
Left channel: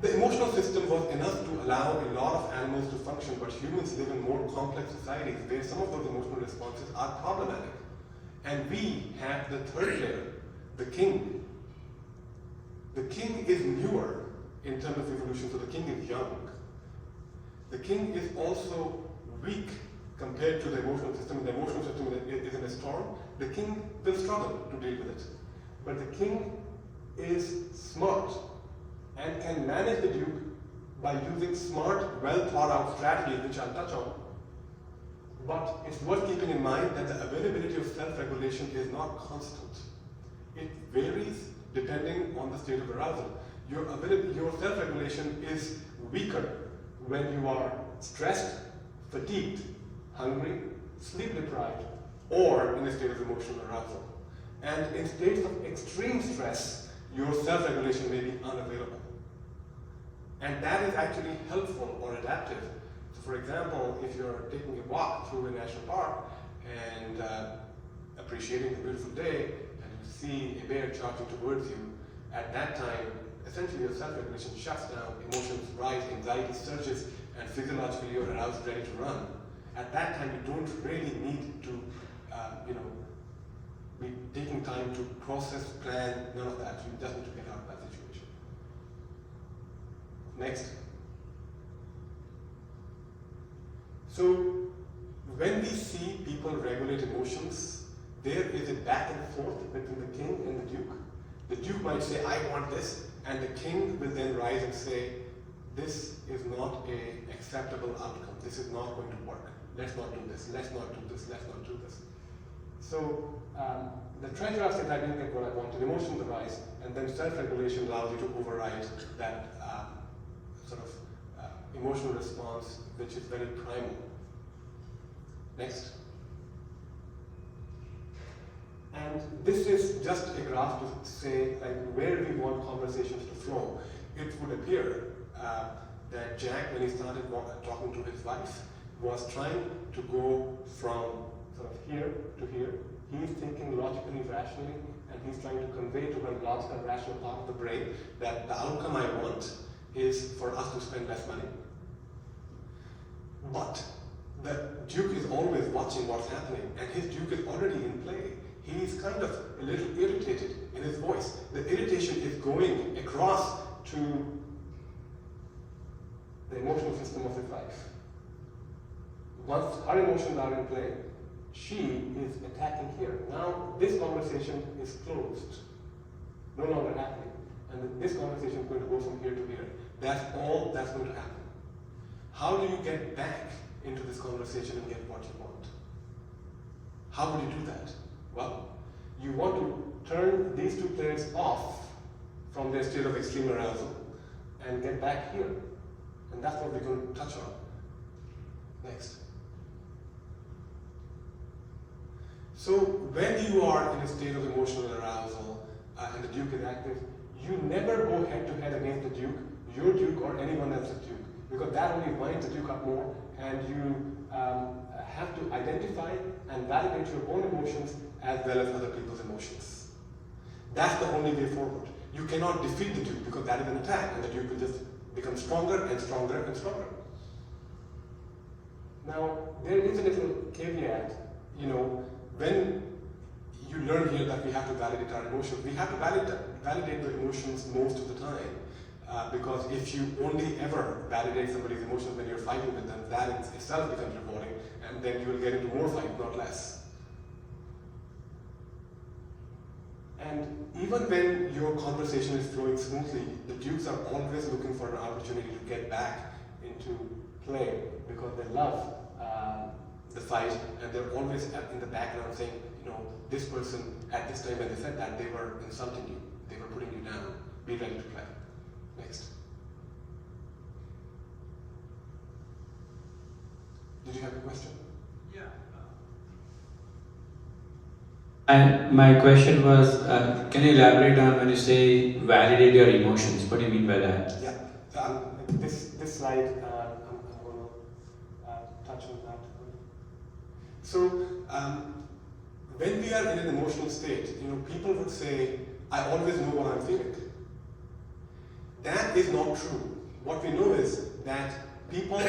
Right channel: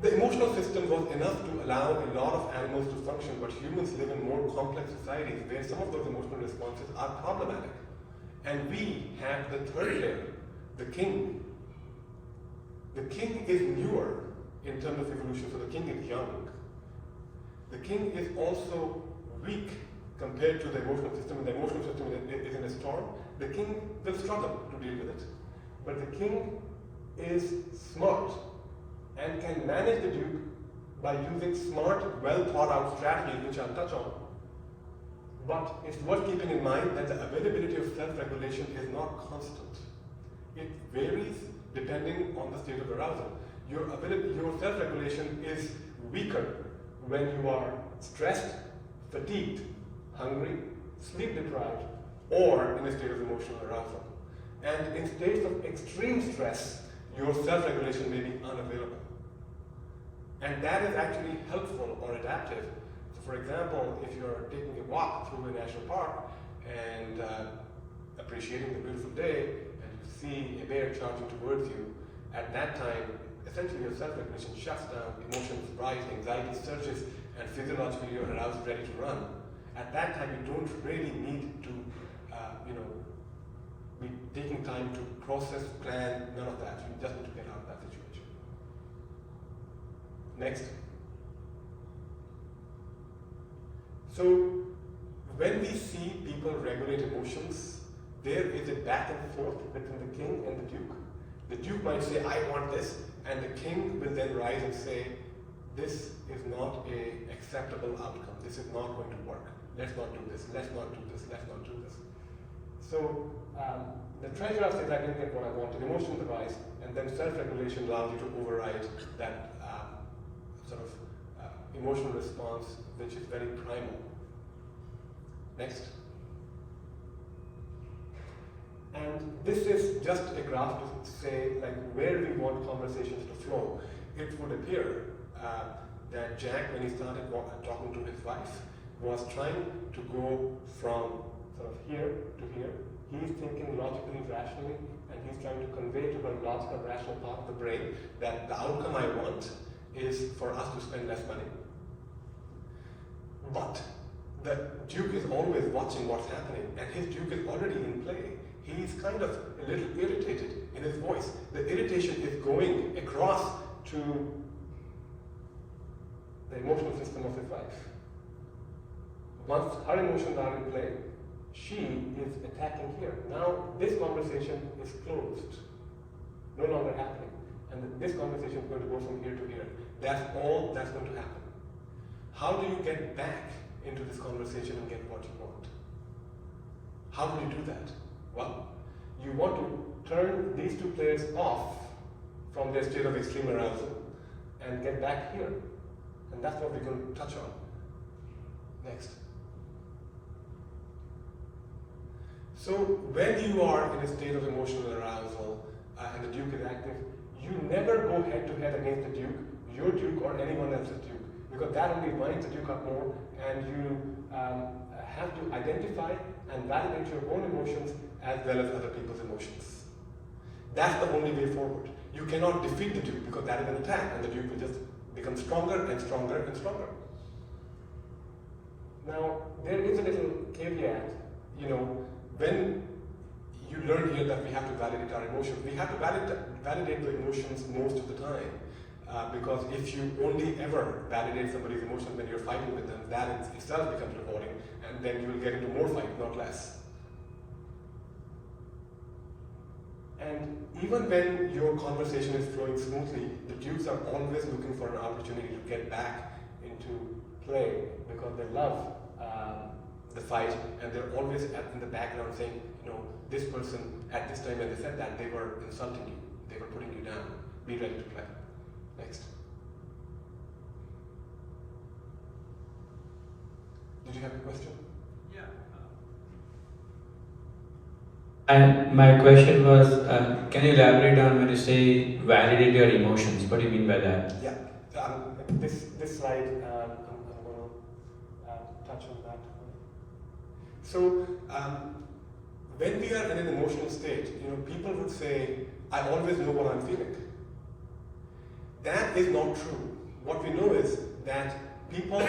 The emotional system was enough to allow a lot of animals to function, but humans live in more complex societies where some of those emotional responses are problematic. And we have the third layer, the king. The king is newer in terms of evolution, so the king is young. The king is also weak compared to the emotional system. The emotional system is in a storm. The king will struggle to deal with it. But the king is smart and can manage the Duke by using smart, well-thought-out strategies, which I'll touch on. But it's worth keeping in mind that the availability of self-regulation is not constant. It varies depending on the state of arousal. Your self-regulation is weaker when you are stressed, fatigued, hungry, sleep-deprived, or in a state of emotional arousal. And in states of extreme stress, your self-regulation may be unavailable. And that is actually helpful or adaptive. So for example, if you're taking a walk through a national park and appreciating the beautiful day, and you see a bear charging towards you, at that time, essentially your self-regulation shuts down, emotions rise, anxiety surges, and physiologically you're aroused, ready to run. At that time, you don't really need to, be taking time to process, plan, none of that. You just need to get out of that situation. Next. So, when we see people regulate emotions, there is a back and forth between the king and the duke. The duke might say, I want this, and the king will then rise and say, this is not an acceptable outcome. This is not going to work. Let's not do this. Let's not do this. Let's not do this. So the treasurer says, I didn't get what I wanted. Emotions arise, and then self-regulation allows you to override that emotional response, which is very primal. Next. And this is just a graph to say where we want conversations to flow. It would appear that Jack, when he started talking to his wife, was trying to go from sort of here to here. He's thinking logically, rationally, and he's trying to convey to the logical, rational part of the brain that the outcome I want is for us to spend less money. But the Duke is always watching what's happening, and his Duke is already in play. He's kind of a little irritated in his voice. The irritation is going across to the emotional system of his wife. Once her emotions are in play, she is attacking here. Now this conversation is closed, no longer happening. And this conversation is going to go from here to here. That's all that's going to happen. How do you get back into this conversation and get what you want? How do you do that? Well, you want to turn these two players off from their state of extreme arousal and get back here. And that's what we're going to touch on. Next. So when you are in a state of emotional arousal and the Duke is active, you never go head to head against the Duke, your Duke or anyone else's Duke, because that only winds the Duke up more, and you have to identify and validate your own emotions as well as other people's emotions. That's the only way forward. You cannot defeat the Duke because that is an attack, and the Duke will just become stronger and stronger and stronger. Now, there is a little caveat, when you learn here that we have to validate our emotions, we have to validate the emotions most of the time. Because if you only ever validate somebody's emotions when you're fighting with them, that in itself becomes rewarding, and then you will get into more fight, not less. And even when your conversation is flowing smoothly, the Dukes are always looking for an opportunity to get back into play because they love the fight, and they're always in the background saying, this person at this time when they said that, they were insulting you, they were putting you down. Be ready to play. Next. Did you have a question? Yeah. And my question was, can you elaborate on when you say validate your emotions? What do you mean by that? Yeah. This slide, I'm going to touch on that. So, when we are in an emotional state, people would say, I always know what I'm feeling. That is not true. What we know is that people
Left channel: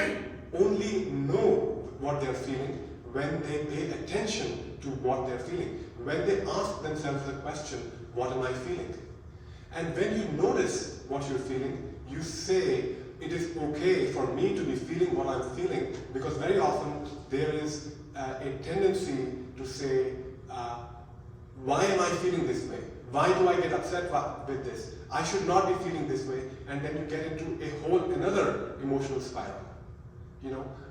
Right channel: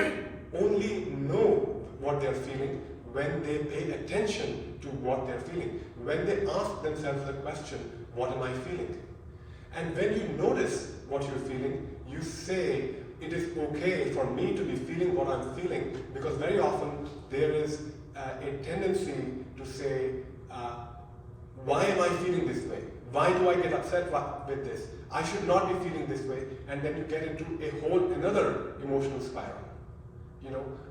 only know what they're feeling when they pay attention to what they're feeling. When they ask themselves the question, what am I feeling? And when you notice what you're feeling, you say, it is okay for me to be feeling what I'm feeling. Because very often there is a tendency to say, why am I feeling this way? Why do I get upset with this? I should not be feeling this way. And then you get into another emotional spiral.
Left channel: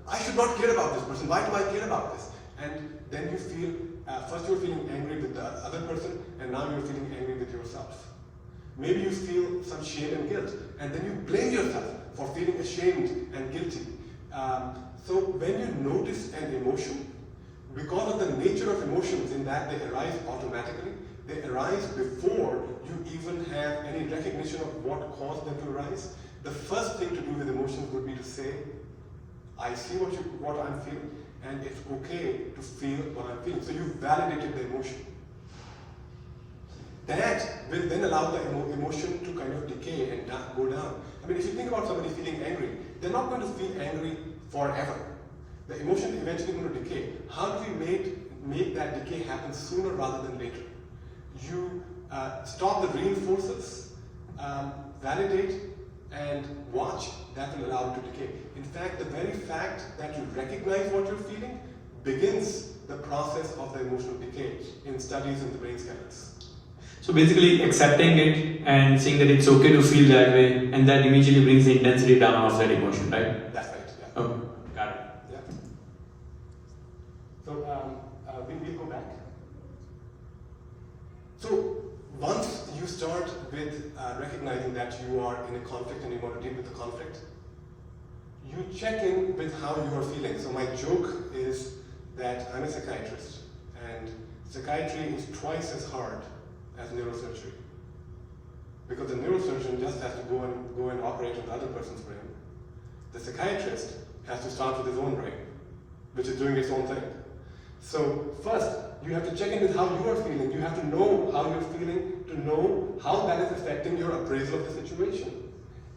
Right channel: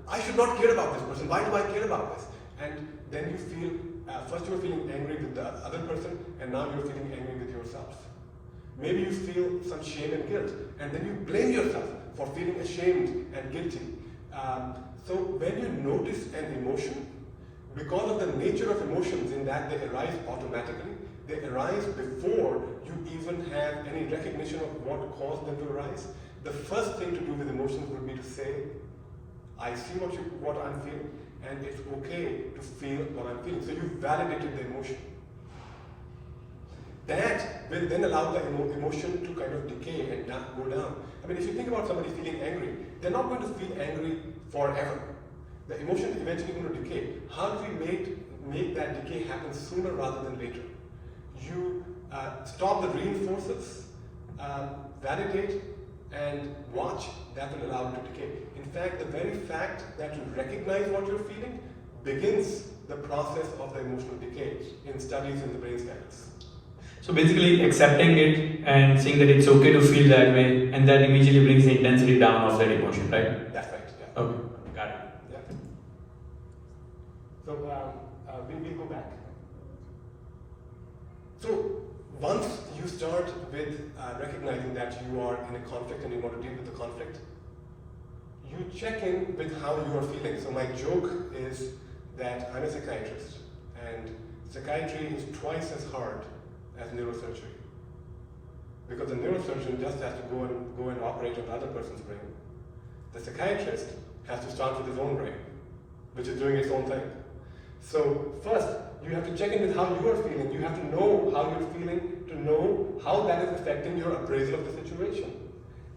I should not care about this person. Why do I care about this? And then you feel, first you're feeling angry with the other person, and now you're feeling angry with yourself. Maybe you feel some shame and guilt, and then you blame yourself for feeling ashamed and guilty. So when you notice an emotion, because of the nature of emotions in that they arise automatically, they arise before you even have any recognition of what caused them to arise. The first thing to do with emotions would be to say, I see what I'm feeling, and it's okay to feel what I'm feeling. So you validated the emotion. That will then allow the emotion to kind of decay and go down. I mean, if you think about somebody feeling angry, they're not going to feel angry forever. The emotion is eventually going to decay. How do we make that decay happen sooner rather than later? You stop the reinforcers, validate, and watch. That will allow it to decay. In fact, the very fact that you recognize what you're feeling begins the process of the emotional decay in studies in the brain scanners. So basically accepting it and saying that it's okay to feel that way, and that immediately brings the intensity down of that emotion, right? That's right, yeah. Okay, got it. Yeah. So we'll go back. So once you start with recognizing that you are in a conflict and you want to deal with the conflict, you check in with how you are feeling. So my joke is that I'm a psychiatrist, and psychiatry is twice as hard as neurosurgery. Because the neurosurgeon just has to go and operate on the other person's brain. The psychiatrist has to start with his own brain, which is doing its own thing. So first, you have to check in with how you are feeling. You have to know how you're feeling to know how that is affecting your appraisal of the situation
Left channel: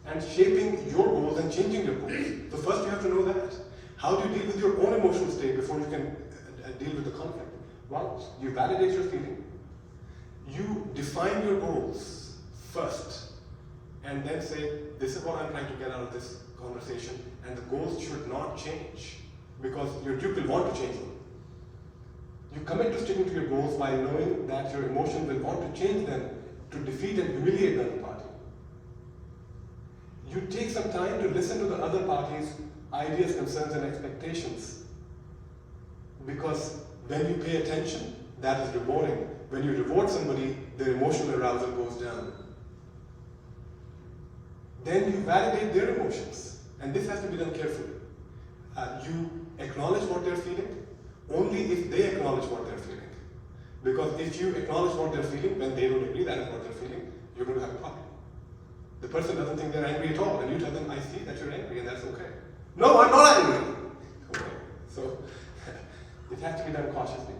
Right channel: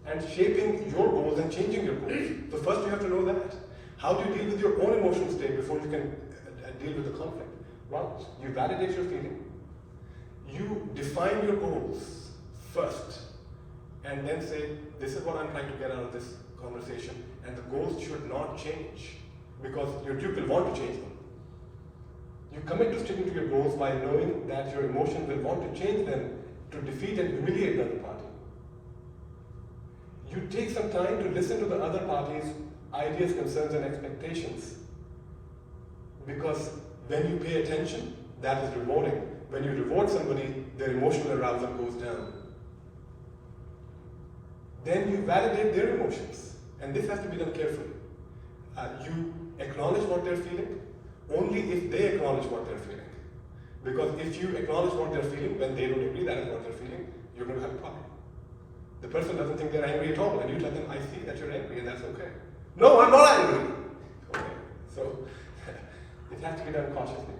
and shaping your goals and changing your goals. So first you have to know that. How do you deal with your own emotional state before you can deal with the conflict? Well, you validate your feeling. You define your goals first and then say, this is what I'm trying to get out of this conversation, and the goals should not change because your Duke will want to change them. You commit to sticking to your goals while knowing that your emotion will want to change them to defeat and humiliate the other party. You take some time to listen to the other party's ideas, concerns, and expectations, because when you pay attention, that is rewarding. When you reward somebody, their emotional arousal goes down. Then you validate their emotions, and this has to be done carefully. You acknowledge what they're feeling only if they acknowledge what they're feeling. Because if you acknowledge what they're feeling when they don't agree that is what they're feeling, you're going to have a problem. The person doesn't think they're angry at all, and you tell them, I see that you're angry, and that's okay. No, I'm not angry. Okay, so it has to be done cautiously.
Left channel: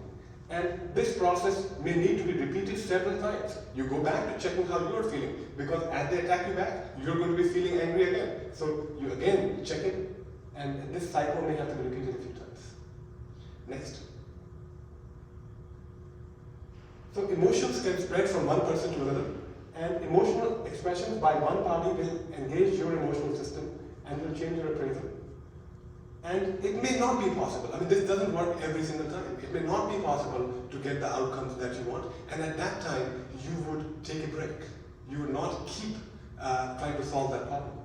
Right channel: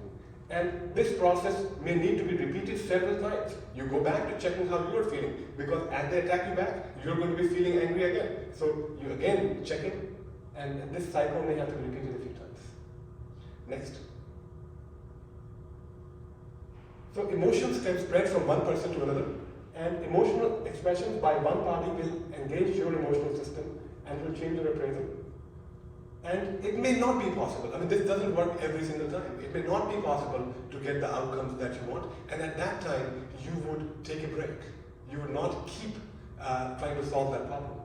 And this process may need to be repeated several times. You go back to checking how you are feeling, because as they attack you back, you're going to be feeling angry again. So you again check it, and this cycle may have to be repeated a few times. Next. So emotions can spread from one person to another, and emotional expressions by one party will engage your emotional system and will change your appraisal. And it may not be possible. I mean, this doesn't work every single time. It may not be possible to get the outcomes that you want, and at that time, you would take a break. You would not keep trying to solve that problem.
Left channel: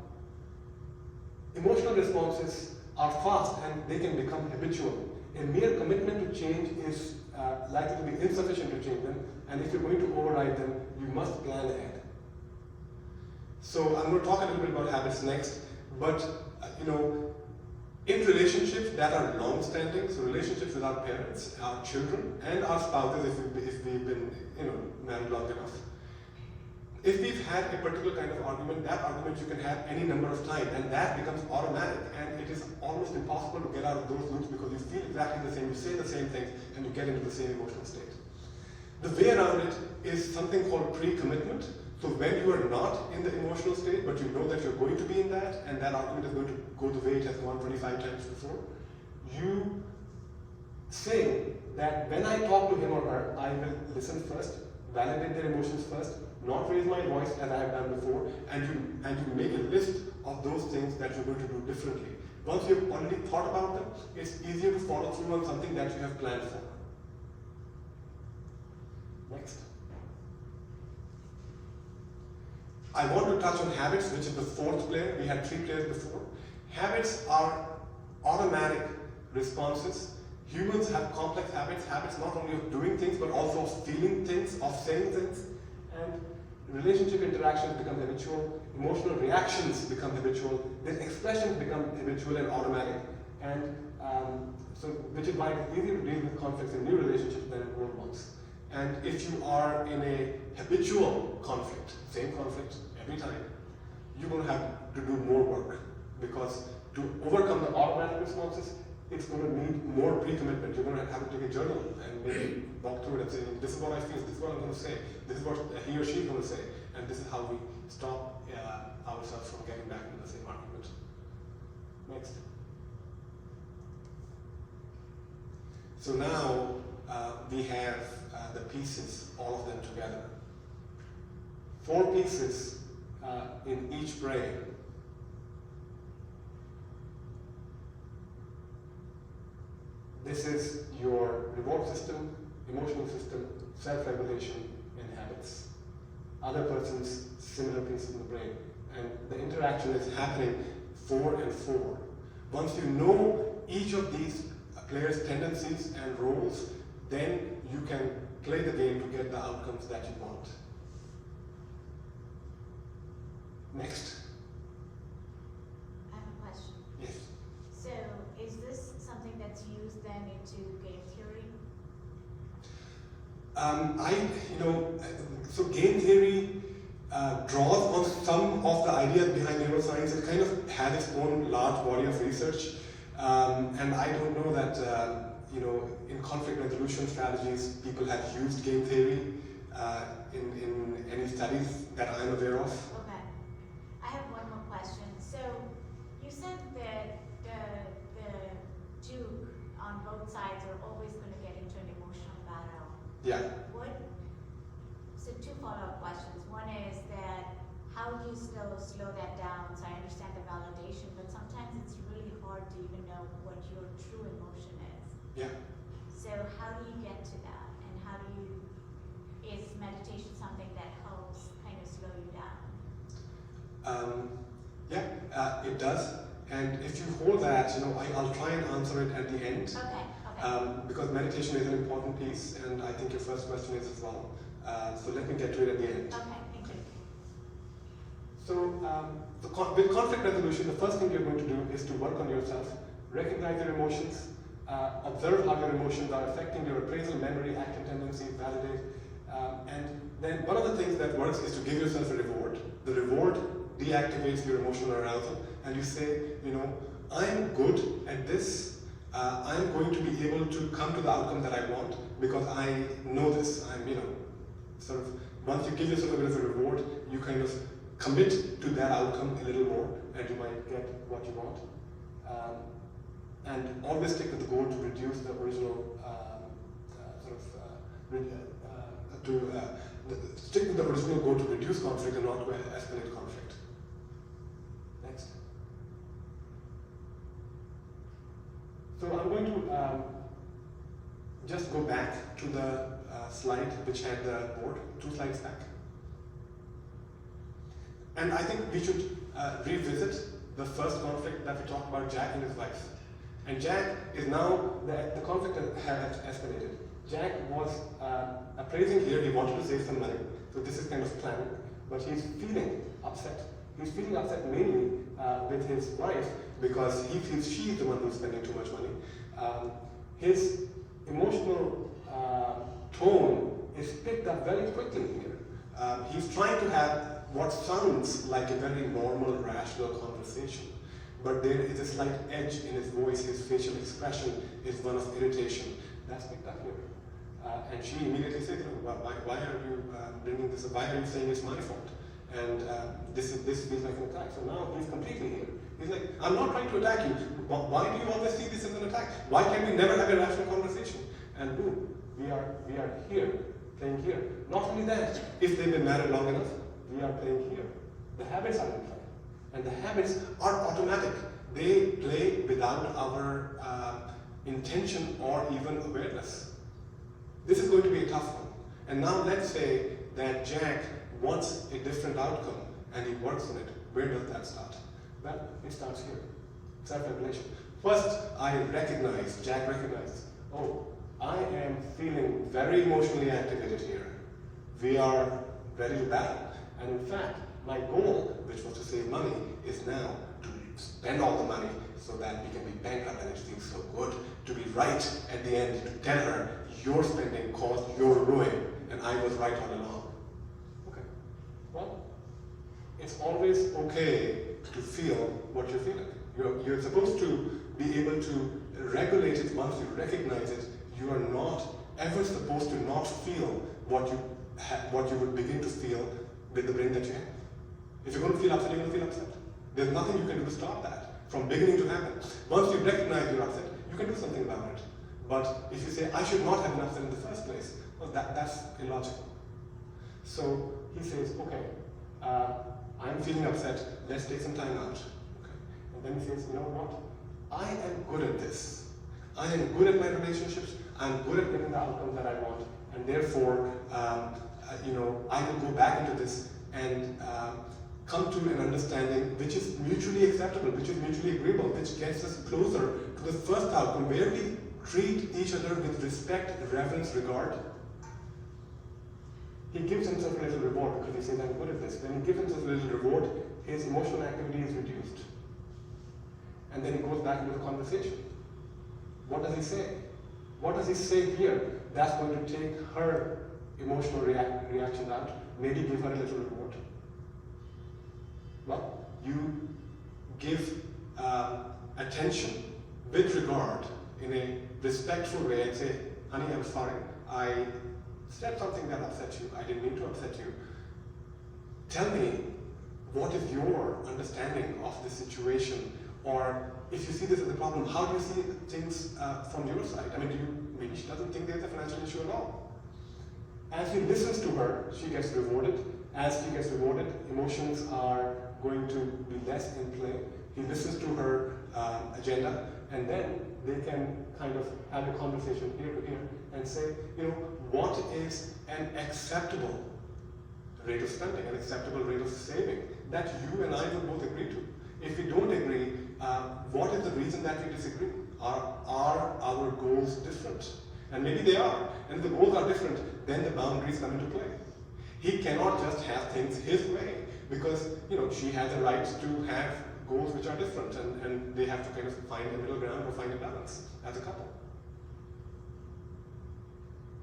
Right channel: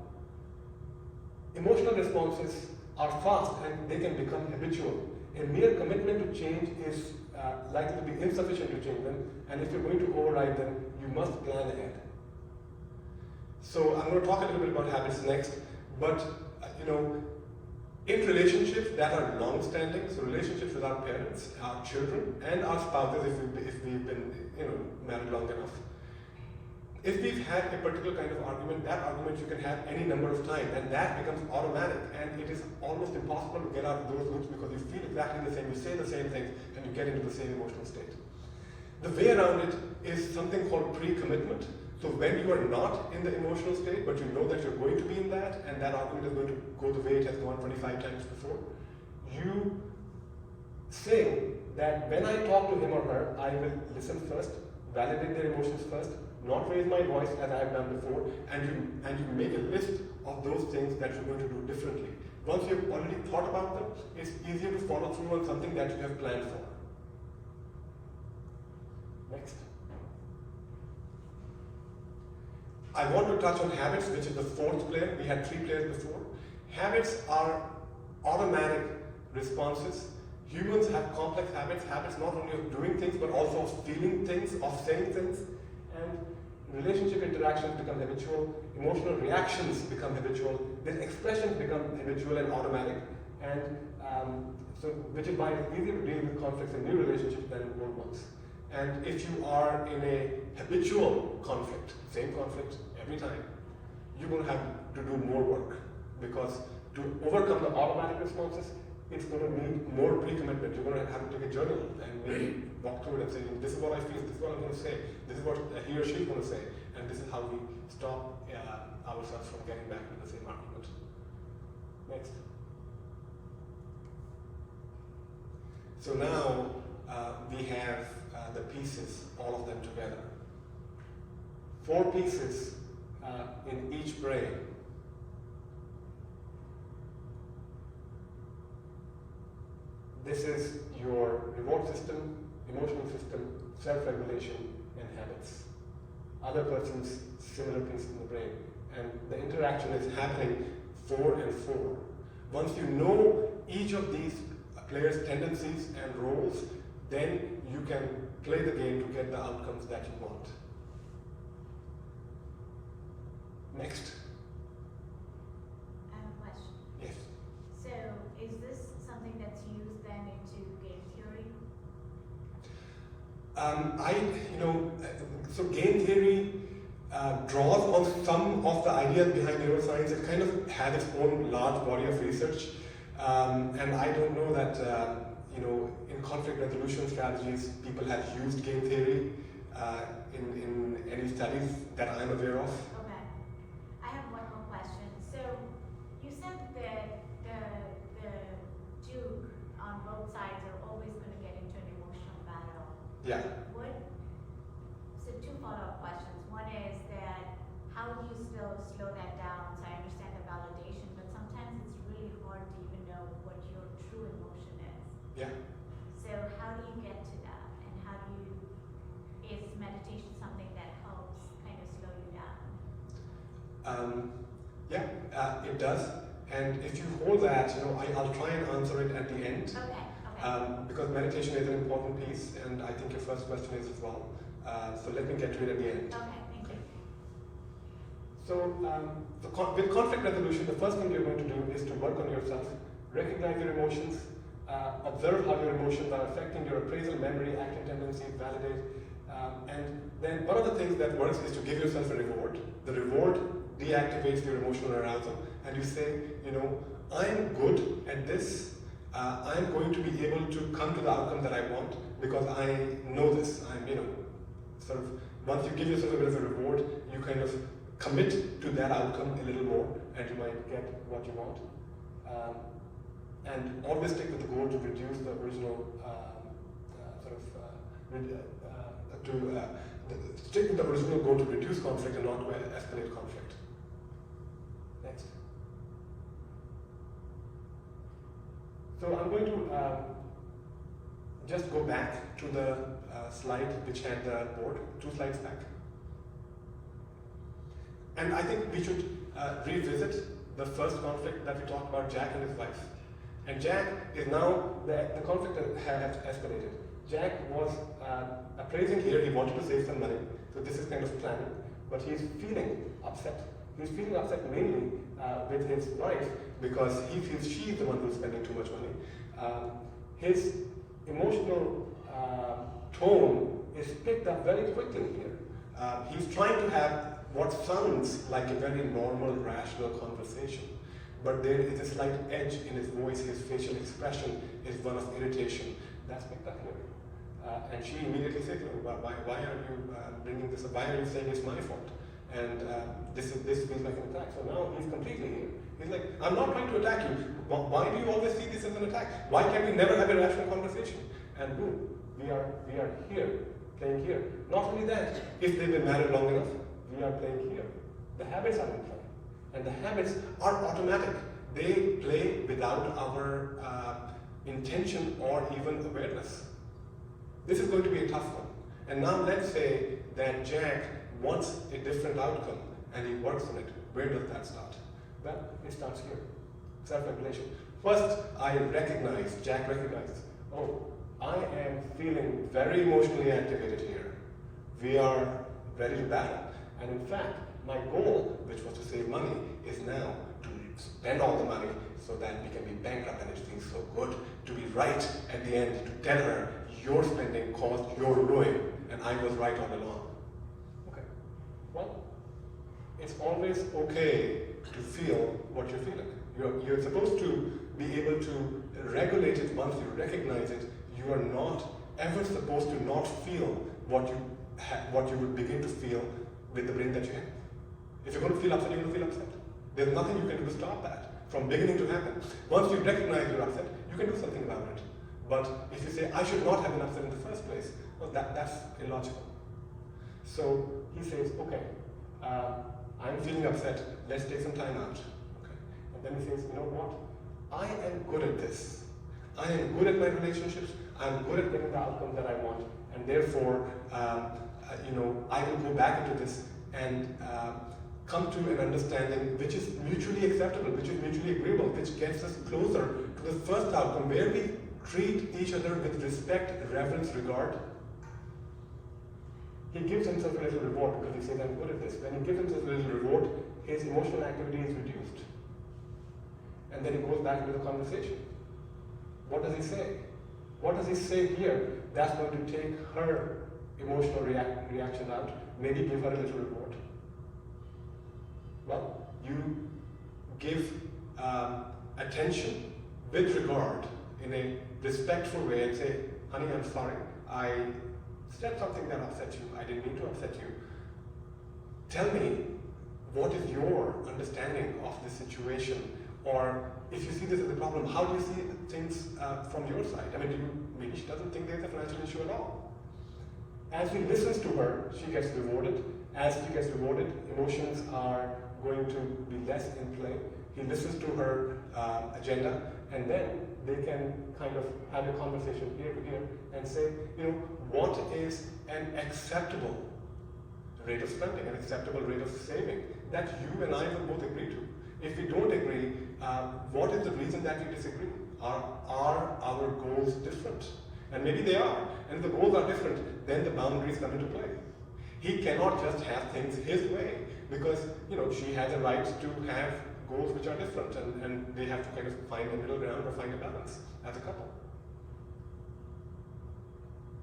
Emotional responses are fast and they can become habitual. A mere commitment to change is likely to be insufficient to change them, and if you're going to override them, you must plan ahead. So I'm going to talk a little bit about habits next, but in relationships that are long-standing, so relationships with our parents, our children, and our spouses, if we've been married long enough, if we've had a particular kind of argument, that argument you can have any number of times, and that becomes automatic, and it is almost impossible to get out of those loops because you feel exactly the same, you say the same thing, and you get into the same emotional state. The way around it is something called pre-commitment. So when you are not in the emotional state, but you know that you're going to be in that, and that argument is going to go the way it has gone 25 times before, you say that when I talk to him or her, I will listen first, validate their emotions first, not raise my voice as I have done before, and you make a list of those things that you're going to do differently. Once you've already thought about them, it's easier to follow through on something that you have planned for. Next. I want to touch on habits, which is the fourth player. We had 3 players before. Habits are automatic responses. Humans have complex habits not only of doing things, but also of feeling things, of saying things. And relationship interactions become habitual, emotional reactions become habitual, then expressions become habitual and automatic. And which is why it's easier to deal with conflicts in new relationships than in old ones. And if you are in a habitual conflict, same conflict every time, you're going to have to do more work, because to overcome the automatic responses, it's going to need more pre-commitment. You're going to have to take a journal and maybe walk through it and say, this is what I feel, this is what I'm going to say, this is what he or she is going to say, and this is how we stop ourselves from getting back into the same argument. Next. So now we have the pieces, all of them together. 4 pieces in each brain. This is your reward system, emotional system, self-regulation, and habits. Other person's similar pieces in the brain. And the interaction is happening 4 and 4. Once you know each of these players' tendencies and roles, then you can play the game to get the outcomes that you want. Next. I have a question. Yes. So, is this something that's used then into game theory? So game theory draws on some of the ideas behind neuroscience. It kind of has its own large body of research, and I don't know that in conflict resolution strategies people have used game theory in any studies that I'm aware of. Okay. I have one more question. So, you said that the two on both sides are always going to get into an emotional battle. Yeah. So 2 follow-up questions. One is that how do you still slow that down? So I understand the validation, but sometimes it's really hard to even know what your true emotion is. Yeah. So how do you get to that? And is meditation something that helps kind of slow you down? It does. And if you hold that, I'll try and answer it at the end. Okay. Because meditation is an important piece, and I think your first question is as well. So let me get to it at the end. Okay, thank you. So with conflict resolution, the first thing you're going to do is to work on yourself, recognize your emotions, observe how your emotions are affecting your appraisal, memory, action tendencies, validate. And then one of the things that works is to give yourself a reward. The reward deactivates your emotional arousal, and you say, I'm good at this, I'm going to be able to come to the outcome that I want because I know this. I'm, sort of, once you give yourself a bit of a reward, you kind of commit to that outcome a little more, and you might get what you want. And always stick with the goal to reduce the original stick with the original goal to reduce conflict and not to escalate conflict. Next. So I'm going to just go back to the slide which had the board, 2 slides back. And I think we should revisit the first conflict that we talked about, Jack and his wife. And Jack is now, the conflict has escalated. Jack was appraising here, he wanted to save some money, so this is kind of planning, but he's feeling upset. He's feeling upset mainly with his wife because he feels she's the one who's spending too much money. His emotional tone is picked up very quickly here. He's trying to have what sounds like a very normal, rational conversation, but there is a slight edge in his voice, his facial expression is one of irritation. That's picked up here. And she immediately said to him, why are you bringing this up? Why are you saying it's my fault? And this feels like an attack. So now he's completely here. He's like, I'm not trying to attack you. Why do you always see this as an attack? Why can we never have a rational conversation? And boom, we are here, playing here. Not only that, if they've been married long enough, we are playing here. The habits are in play. And the habits are automatic. They play without our intention or even awareness. This is going to be a tough one. And now let's say that Jack wants a different outcome and he works on it. Where does that start? Well, it starts here. Self-regulation. First, Jack recognizes, oh, I am feeling very emotionally activated here. We are ready to battle. And in fact, my goal, which was to save money, is now to spend all the money so that we can be bankrupt, and it feels so good to be right at the end, to tell her your spending caused your ruin and I was right all along. Okay. Well, it's always okay to feel what you're feeling. You're supposed to be able to regulate it once you recognize it. You are not ever supposed to not feel what you will begin to feel with the brain that you have. If you're going to feel upset, you're going to feel upset. There's nothing you can do to stop that from beginning to happen. Once you recognize you're upset, you can do something about it. But if you say, I should not have been upset in the first place, well, that's illogical. So he says, okay, I'm feeling upset, let's take some time out. Okay. And then he says, you know what? I am good at this. I am good at my relationships, I'm good at getting the outcomes that I want, and therefore, I will go back into this and come to an understanding which is mutually acceptable, which is mutually agreeable, which gets us closer to the first outcome, where we treat each other with respect, reverence, regard. He gives himself a little reward because he says, I'm good at this. When he gives himself a little reward, his emotional activity is reduced. And then he goes back into the conversation. What does he say? What does he say here that's going to take her emotional reaction out? Maybe give her a little reward. Well, you give attention with regard in a respectful way and say, honey, I'm sorry. I said something that upset you. I didn't mean to upset you. Tell me, what is your understanding of the situation? Or if you see this as a problem, how do you see things from your side? I mean, maybe she doesn't think there's a financial issue at all. As he listens to her, she gets rewarded. As she gets rewarded, emotions are going to be less in play. He listens to her agenda, and then they can kind of have a conversation here to here and say, what is an acceptable rate of spending, an acceptable rate of saving that you and I will both agree to? If we don't agree, what is the reason that we disagree? Are our goals different? And maybe they are. And if the goals are different, then the boundaries come into play. He cannot just have things his way because she has a right to have goals which are different, and they have to kind of find a middle ground or find a balance as a couple.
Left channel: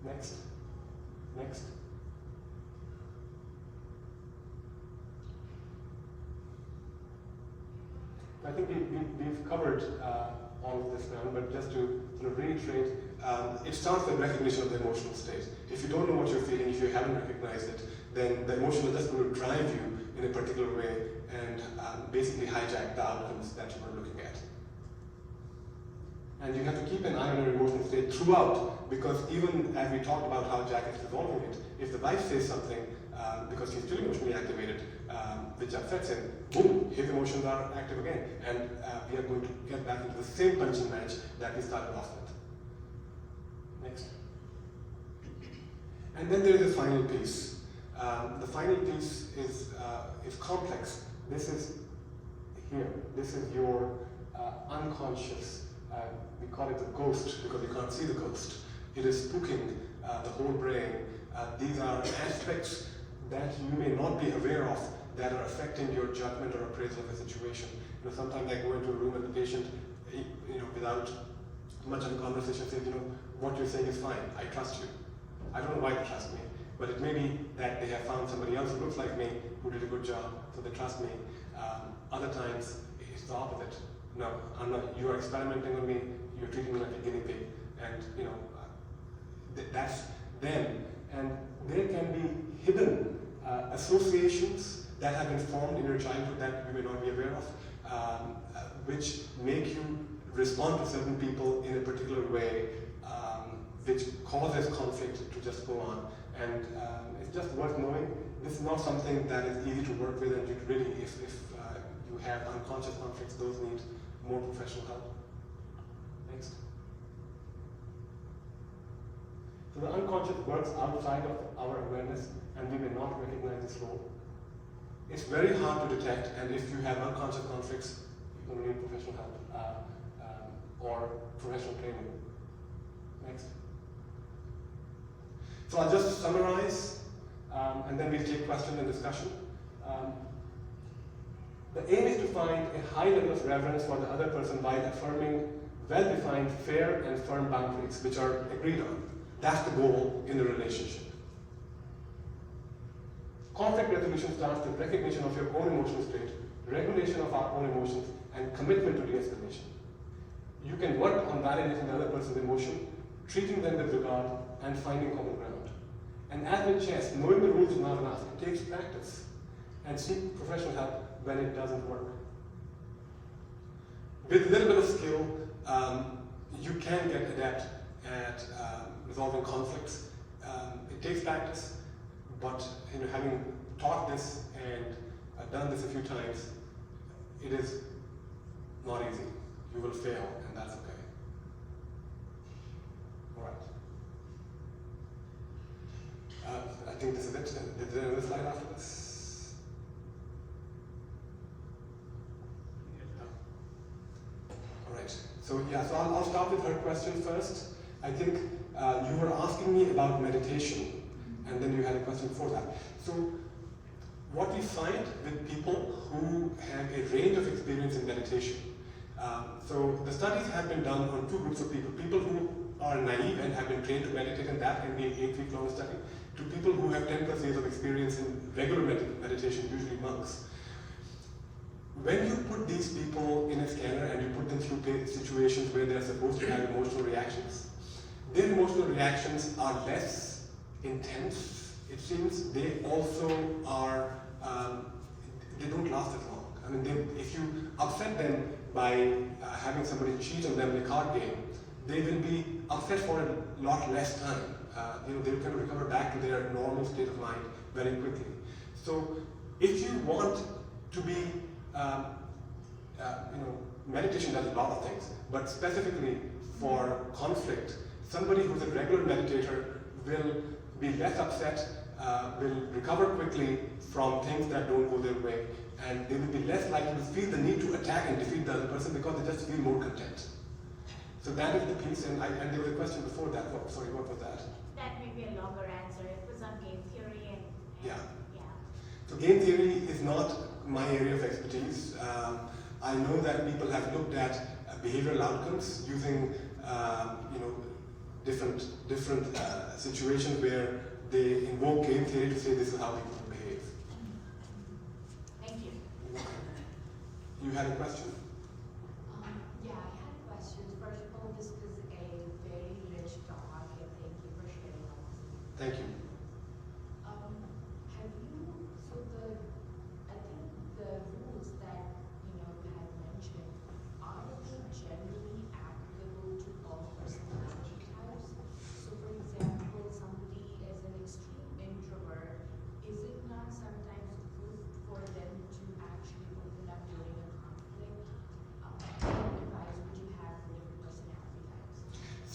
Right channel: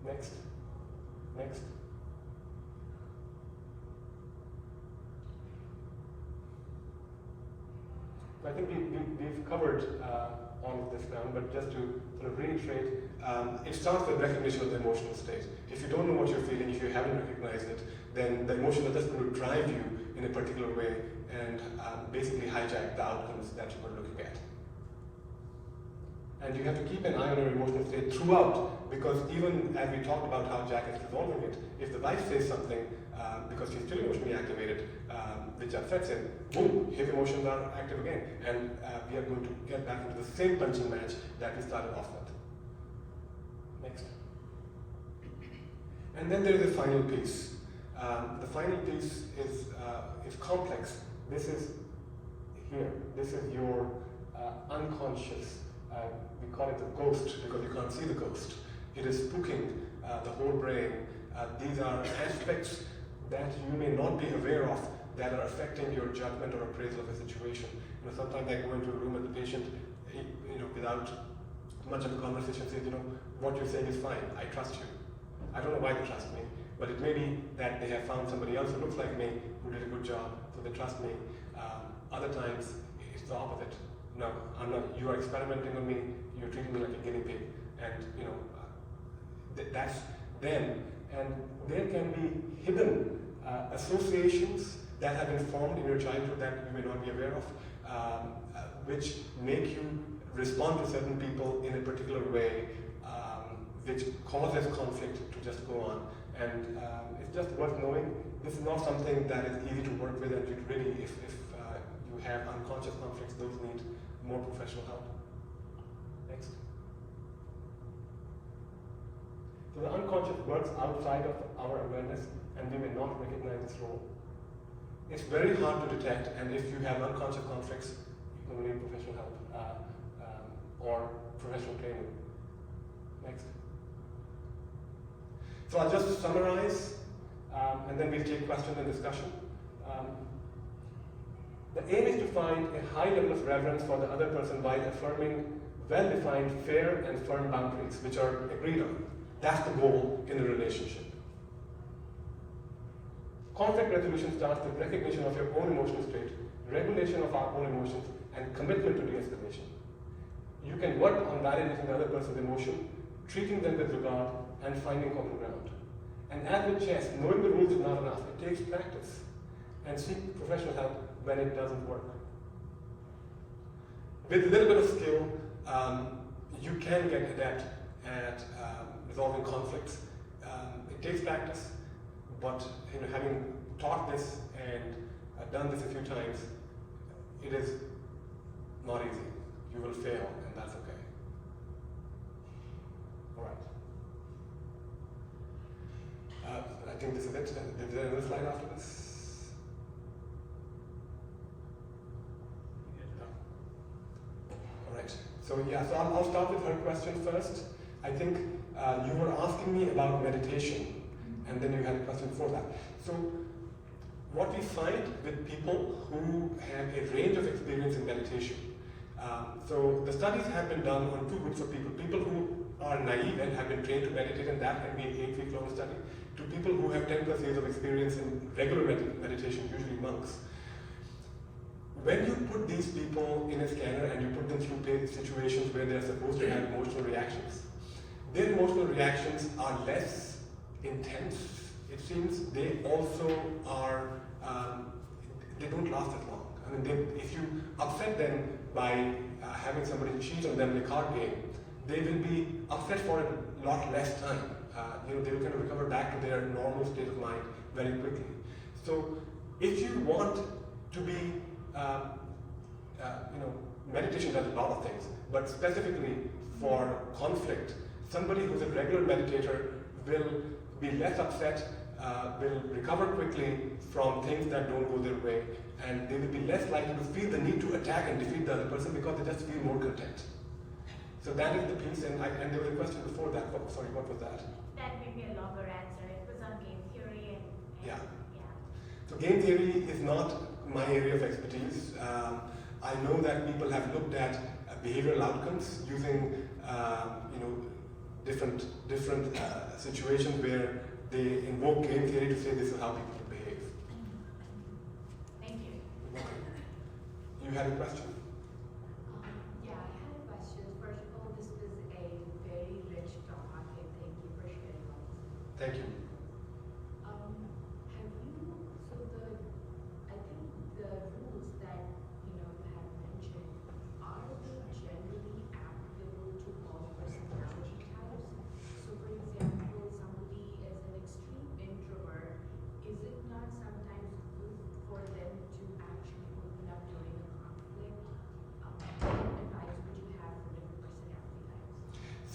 Next. I think we've covered all of this down, but just to sort of reiterate, it starts with recognition of the emotional state. If you don't know what you're feeling, if you haven't recognized it, then the emotion is just going to drive you in a particular way and basically hijack the outcomes that you were looking at. And you have to keep an eye on your emotional state throughout, because even as we talked about how Jack is resolving it, if the wife says something because he's still emotionally activated, which upsets him, boom, his emotions are active again, and we are going to get back into the same punching match that we started off with. Next. And then there is the final piece. The final piece is complex. This is here. This is your unconscious. We call it the ghost because you can't see the ghost. It is spooking the whole brain. These are aspects that you may not be aware of that are affecting your judgment or appraisal of the situation. You know, sometimes I go into a room and the patient, without much of a conversation, says, what you're saying is fine. I trust you. I don't know why they trust me, but it may be that they have found somebody else who looks like me who did a good job, so they trust me. Other times, it's the opposite. No, I'm not. You are experimenting on me. You're treating me like a guinea pig, and that's them. And there can be hidden associations that have been formed in your childhood that you may not be aware of, which make you respond to certain people in a particular way, which causes conflict to just go on. And it's just worth knowing this is not something that is easy to work with, and you really, if you have unconscious conflicts, those need more professional help. Next. So the unconscious works outside of our awareness, and we may not recognize this role. It's very hard to detect, and if you have unconscious conflicts, you will need professional help or professional training. Next. So I'll just summarize, and then we'll take questions and discussion. The aim is to find a high level of reverence for the other person by affirming well-defined, fair, and firm boundaries, which are agreed on. That's the goal in a relationship. Conflict resolution starts with recognition of your own emotional state, regulation of our own emotions, and commitment to de-escalation. You can work on validating the other person's emotion, treating them with regard, and finding common ground. And as with chess, knowing the rules is not enough. It takes practice. And seek professional help when it doesn't work. With a little bit of skill, you can get adept at resolving conflicts. It takes practice, but having taught this and done this a few times, it is not easy. You will fail, and that's okay. All right. I think this is it. Is there another slide after this? All right. So I'll start with her question first. I think you were asking me about meditation, and then you had a question before that. So what we find with people who have a range of experience in meditation, so the studies have been done on two groups of people. People who are naive and have been trained to meditate, and that can be an 8-week long study, to people who have 10+ years of experience in regular meditation, usually monks. When you put these people in a scanner and you put them through situations where they're supposed to have emotional reactions, their emotional reactions are less intense. It seems they also are, they don't last as long. I mean, if you upset them by having somebody cheat on them in a card game, they will be upset for a lot less time. They will kind of recover back to their normal state of mind very quickly. So if you want to be, meditation does a lot of things, but specifically for conflict, somebody who's a regular meditator will be less upset, will recover quickly from things that don't go their way, and they will be less likely to feel the need to attack and defeat the other person because they just feel more content. So that is the piece, and there was a question before that. Sorry, what was that? That may be a longer answer. It was on game theory and yeah. Yeah. So game theory is not my area of expertise. I know that people have looked at behavioral outcomes using different situations where they invoke game theory to say this is how people behave. Thank you. You had a question? Yeah, I had a question.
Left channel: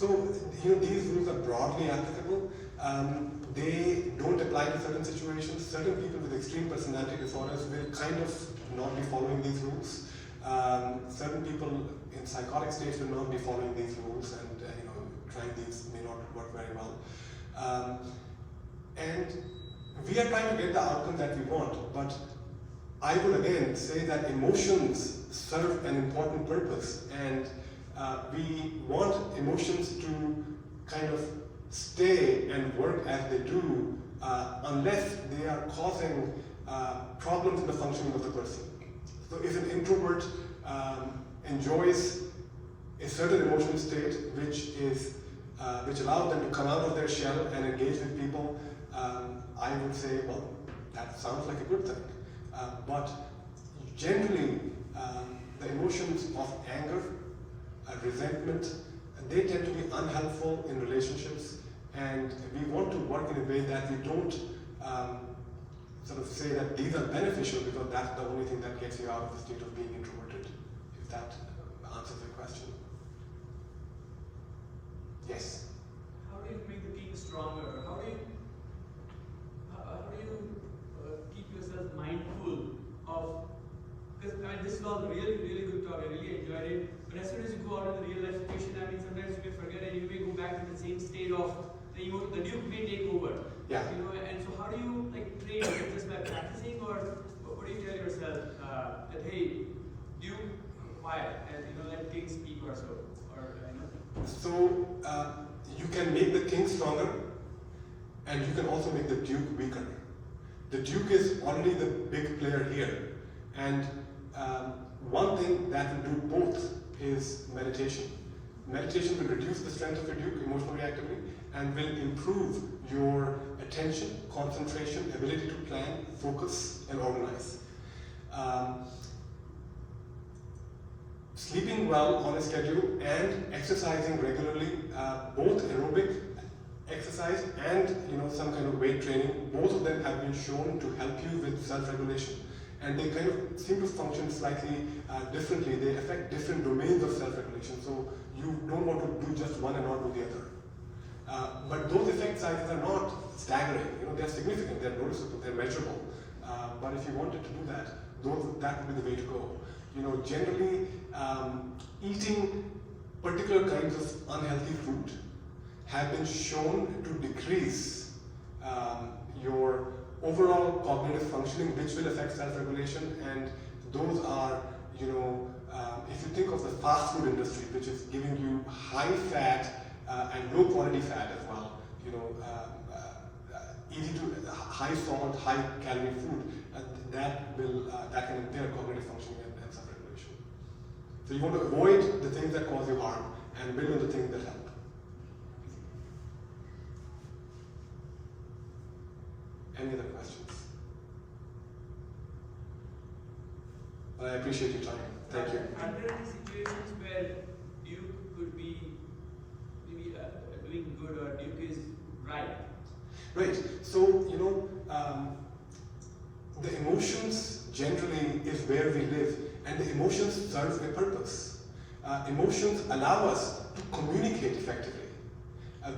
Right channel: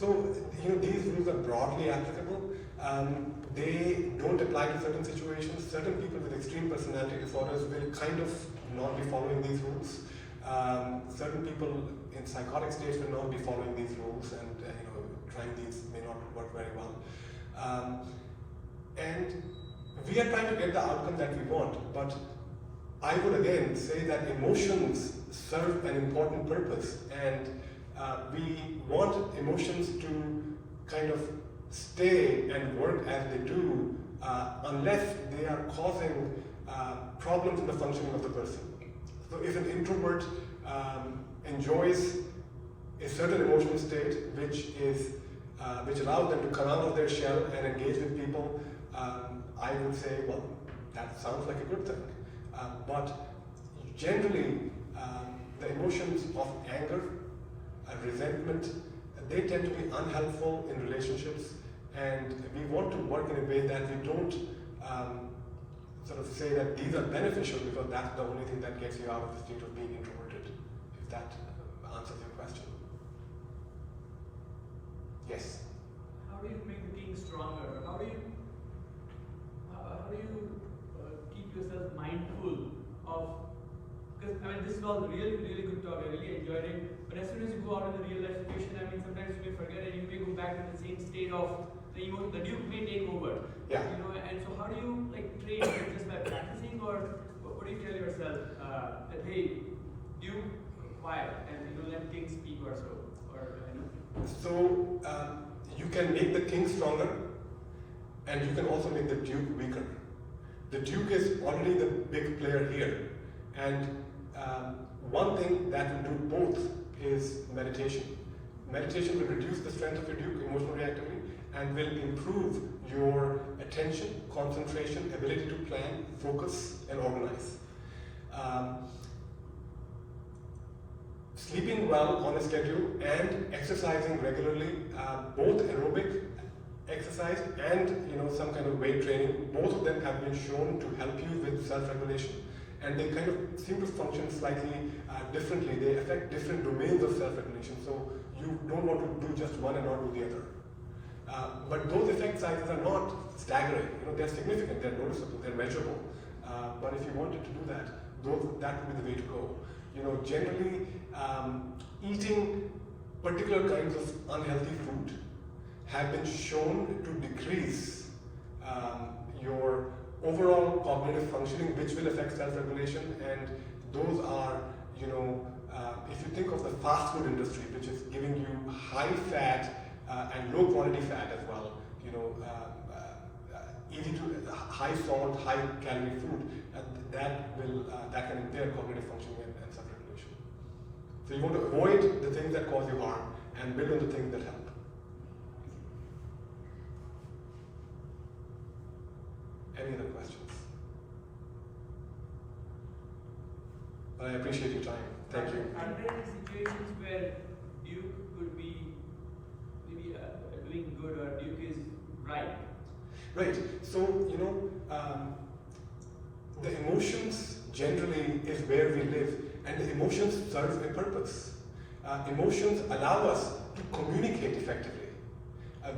So, these rules are broadly applicable. They don't apply to certain situations. Certain people with extreme personality disorders will kind of not be following these rules. Certain people in psychotic states will not be following these rules, and trying these may not work very well. And we are trying to get the outcome that we want, but I would again say that emotions serve an important purpose, and we want emotions to kind of stay and work as they do unless they are causing problems in the functioning of the person. So if an introvert enjoys a certain emotional state which allows them to come out of their shell and engage with people, I would say, well, that sounds like a good thing. But generally, the emotions of anger, resentment, they tend to be unhelpful in relationships, and we want to work in a way that we don't sort of say that these are beneficial because that's the only thing that gets you out of the state of being introverted, if that answers your question. Yes? How do you make the king stronger? How do you keep yourself mindful of, because this is all really, really good talk, I really enjoyed it, but as soon as you go out in the real life situation, sometimes you may forget and you may go back to the same state of the duke may take over. Yeah. And so how do you train? Just by practicing, or what do you tell yourself that hey, duke, quiet, and let king speak or so, or So you can make the king stronger, and you can also make the duke weaker. The duke is already the big player here, and one thing that will do both is meditation. Meditation will reduce the strength of your duke, emotional reactivity, and will improve your attention, concentration, ability to plan, focus, and organize. Sleeping well on a schedule and exercising regularly, both aerobic exercise and some kind of weight training, both of them have been shown to help you with self-regulation, and they kind of seem to function slightly differently. They affect different domains of self-regulation, so you don't want to do just one and not do the other. But those effect sizes are not staggering. They're significant, they're noticeable, they're measurable. But if you wanted to do that, that would be the way to go. Generally, eating particular kinds of unhealthy food have been shown to decrease your overall cognitive functioning, which will affect self-regulation. And those are, if you think of the fast food industry, which is giving you high fat and low quality fat as well, easy to high salt, high calorie food, that can impair cognitive functioning and self-regulation. So you want to avoid the things that cause you harm and build on the things that help. Any other questions? I appreciate your time. Thank you. Are there any situations where duke could be maybe doing good, or duke is right? Right. So, the emotions generally is where we live, and the emotions serve a purpose. Emotions allow us to communicate effectively,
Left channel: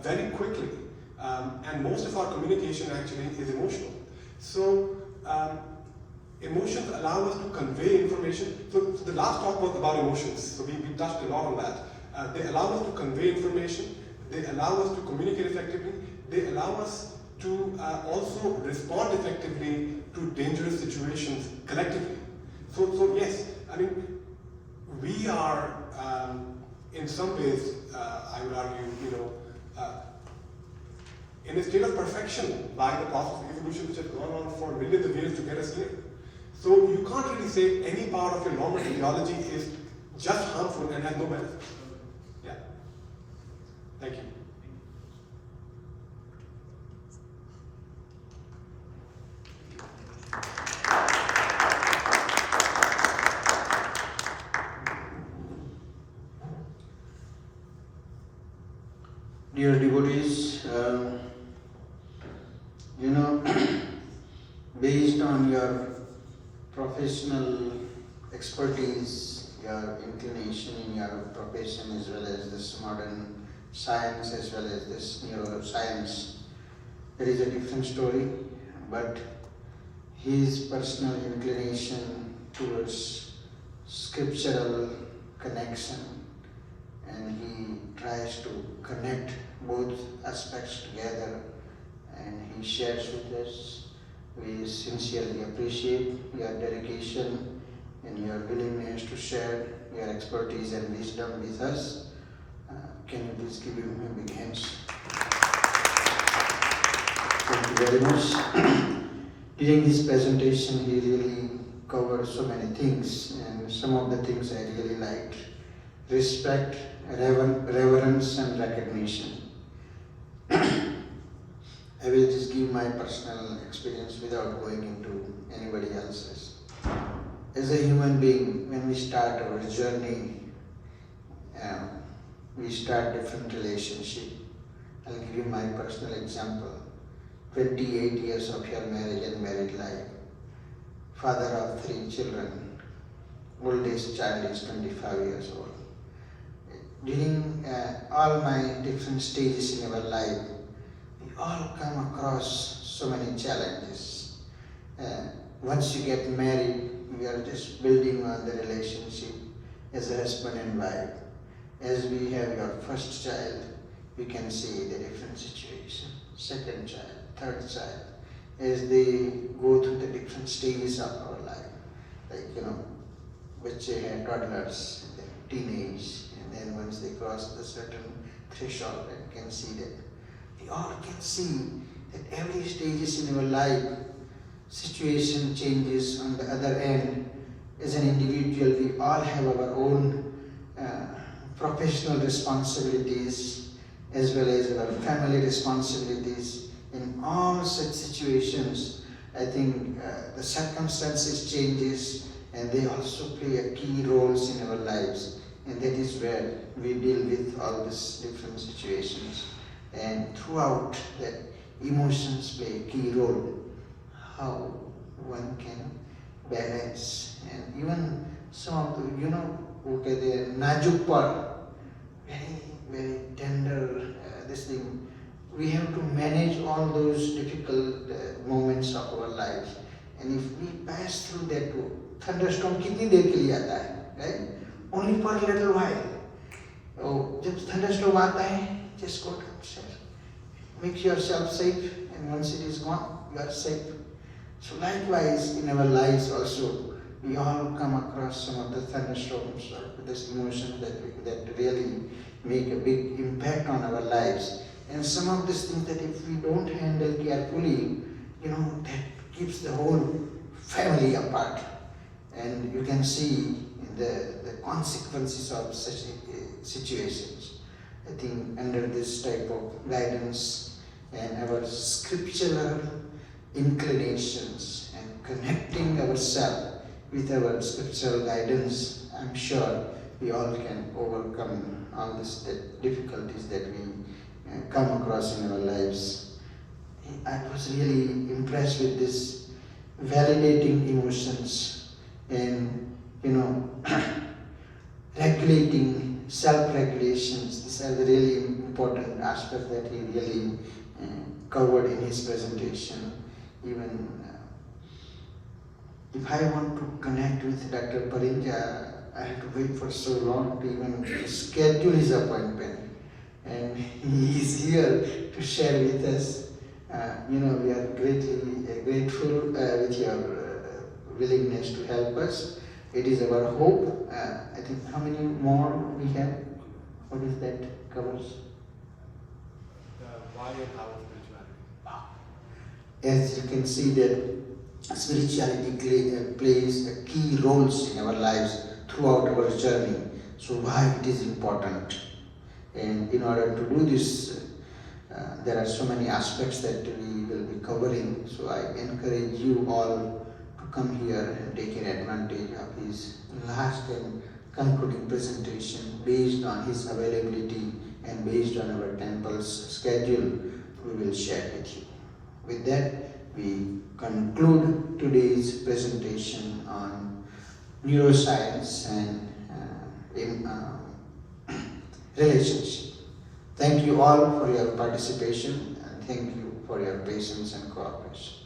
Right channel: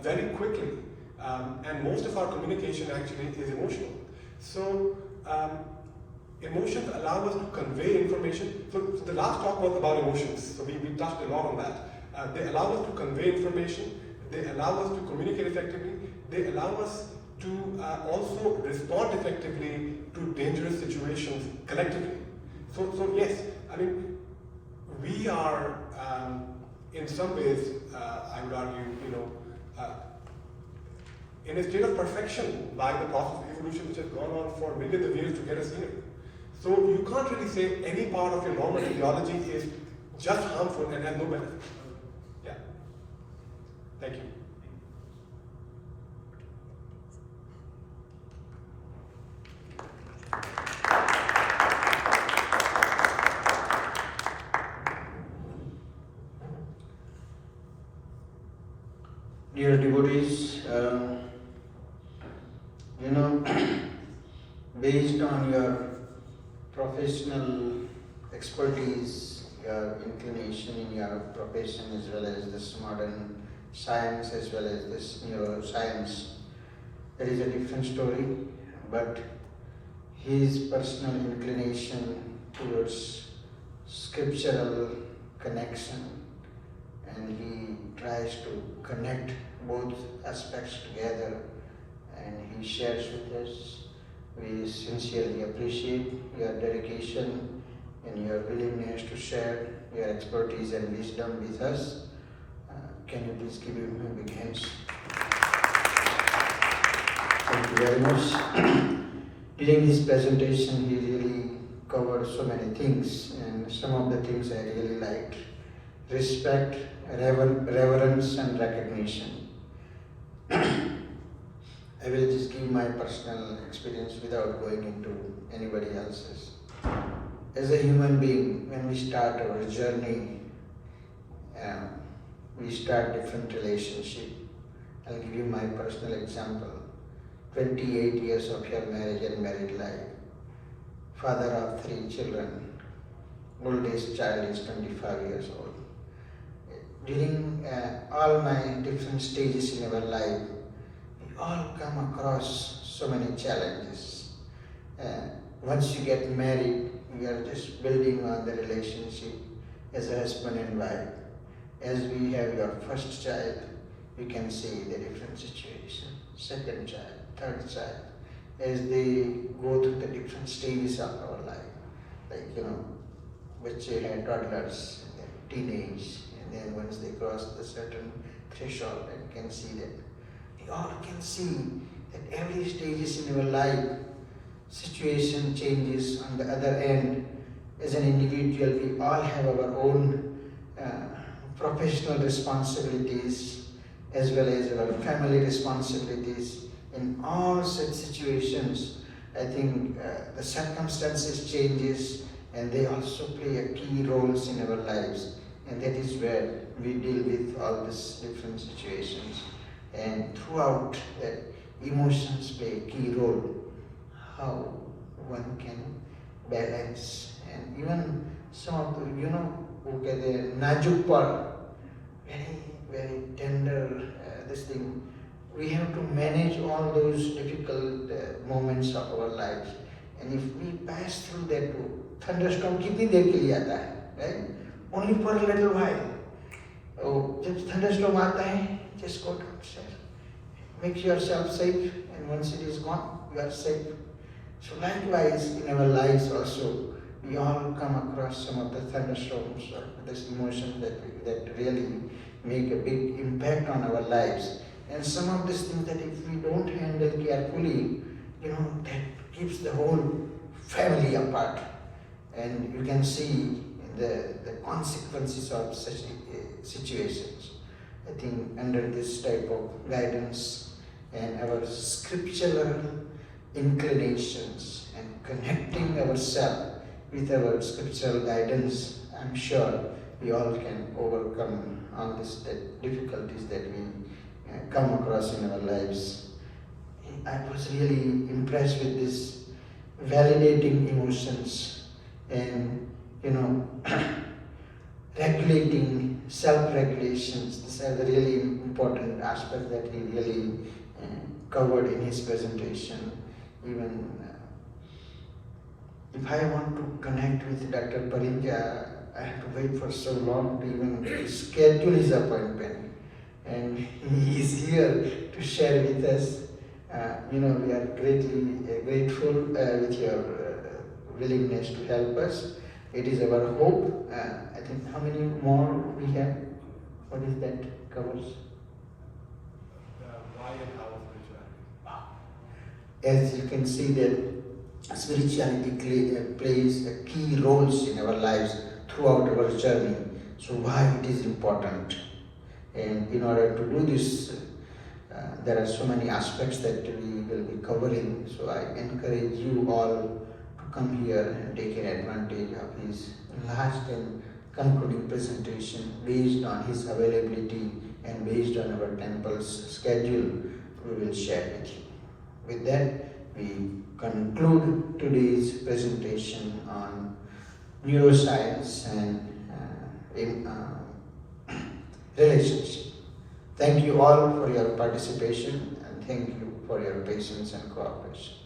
very quickly, and most of our communication actually is emotional. So, emotions allow us to convey information. So the last talk was about emotions, so we touched a lot on that. They allow us to convey information, they allow us to communicate effectively, they allow us to also respond effectively to dangerous situations collectively. So yes, we are in some ways, I would argue, in a state of perfection by the process of evolution which has gone on for millions of years to get us here. So you can't really say any part of your normal physiology is just harmful and has no benefit. Yeah. Thank you. Dear devotees, based on your professional expertise, your inclination in your profession, as well as this modern science as well as this neuroscience. There is a different story, but his personal inclination towards scriptural connection, and he tries to connect both aspects together, and he shares with us. We sincerely appreciate your dedication and your willingness to share your expertise and wisdom with us. Can you please give him a big hand? Thank you very much. During his presentation, he really covered so many things, and some of the things I really liked. Respect, reverence, and recognition. I will just give my personal experience without going into anybody else's. As a human being, when we start our journey, we start different relationship. I'll give you my personal example. 28 years of your marriage and married life. Father of 3 children. Oldest child is 25 years old. During all my different stages in our life, we all come across so many challenges. Once you get married, you are just building on the relationship as a husband and wife. As we have your first child, we can see the different situation. Second child, third child, as they go through the different stages of our life, like which they had toddlers, and then teenage, and then once they cross the certain threshold, and can see that we all can see that every stages in our life, situation changes on the other end. As an individual, we all have our own professional responsibilities as well as our family responsibilities. In all such situations, I think the circumstances changes, and they also play a key roles in our lives, and that is where we deal with all these different situations. And throughout that, emotions play a key role. How one can balance, and even some of the look at the najuk part, very very tender this thing. We have to manage all those difficult moments of our lives, and if we pass through that thunderstorm, कितनी देर के लिए आता है, right? Only for a little while. तो जब thunderstorm आता है, just go downstairs, make yourself safe, and once it is gone, you are safe. So likewise in our lives also, we all come across some of the thunderstorms or this emotion that really make a big impact on our lives. And some of these things that if we don't handle carefully, that keeps the whole family apart. And you can see the consequences of such situations. I think under this type of guidance and our scriptural inclinations and connecting ourselves with our scriptural guidance, I'm sure we all can overcome all these difficulties that we come across in our lives. I was really impressed with this validating emotions and regulating self-regulations. These are the really important aspects that he really covered in his presentation. Even if I want to connect with Dr. Parinja, I have to wait for so long to even schedule his appointment. And he is here to share with us. We are greatly grateful with your willingness to help us. It is our hope. I think how many more we have? What is that covers? Why and how spirituality. As you can see that spirituality plays a key roles in our lives throughout our journey. So why it is important? And in order to do this, there are so many aspects that we will be covering. So I encourage you all to come here and take an advantage of his last and concluding presentation. Based on his availability and based on our temple's schedule, we will share with you. With that, we conclude today's presentation on neuroscience and relationship. Thank Thank you all for your participation and thank you for your patience and cooperation.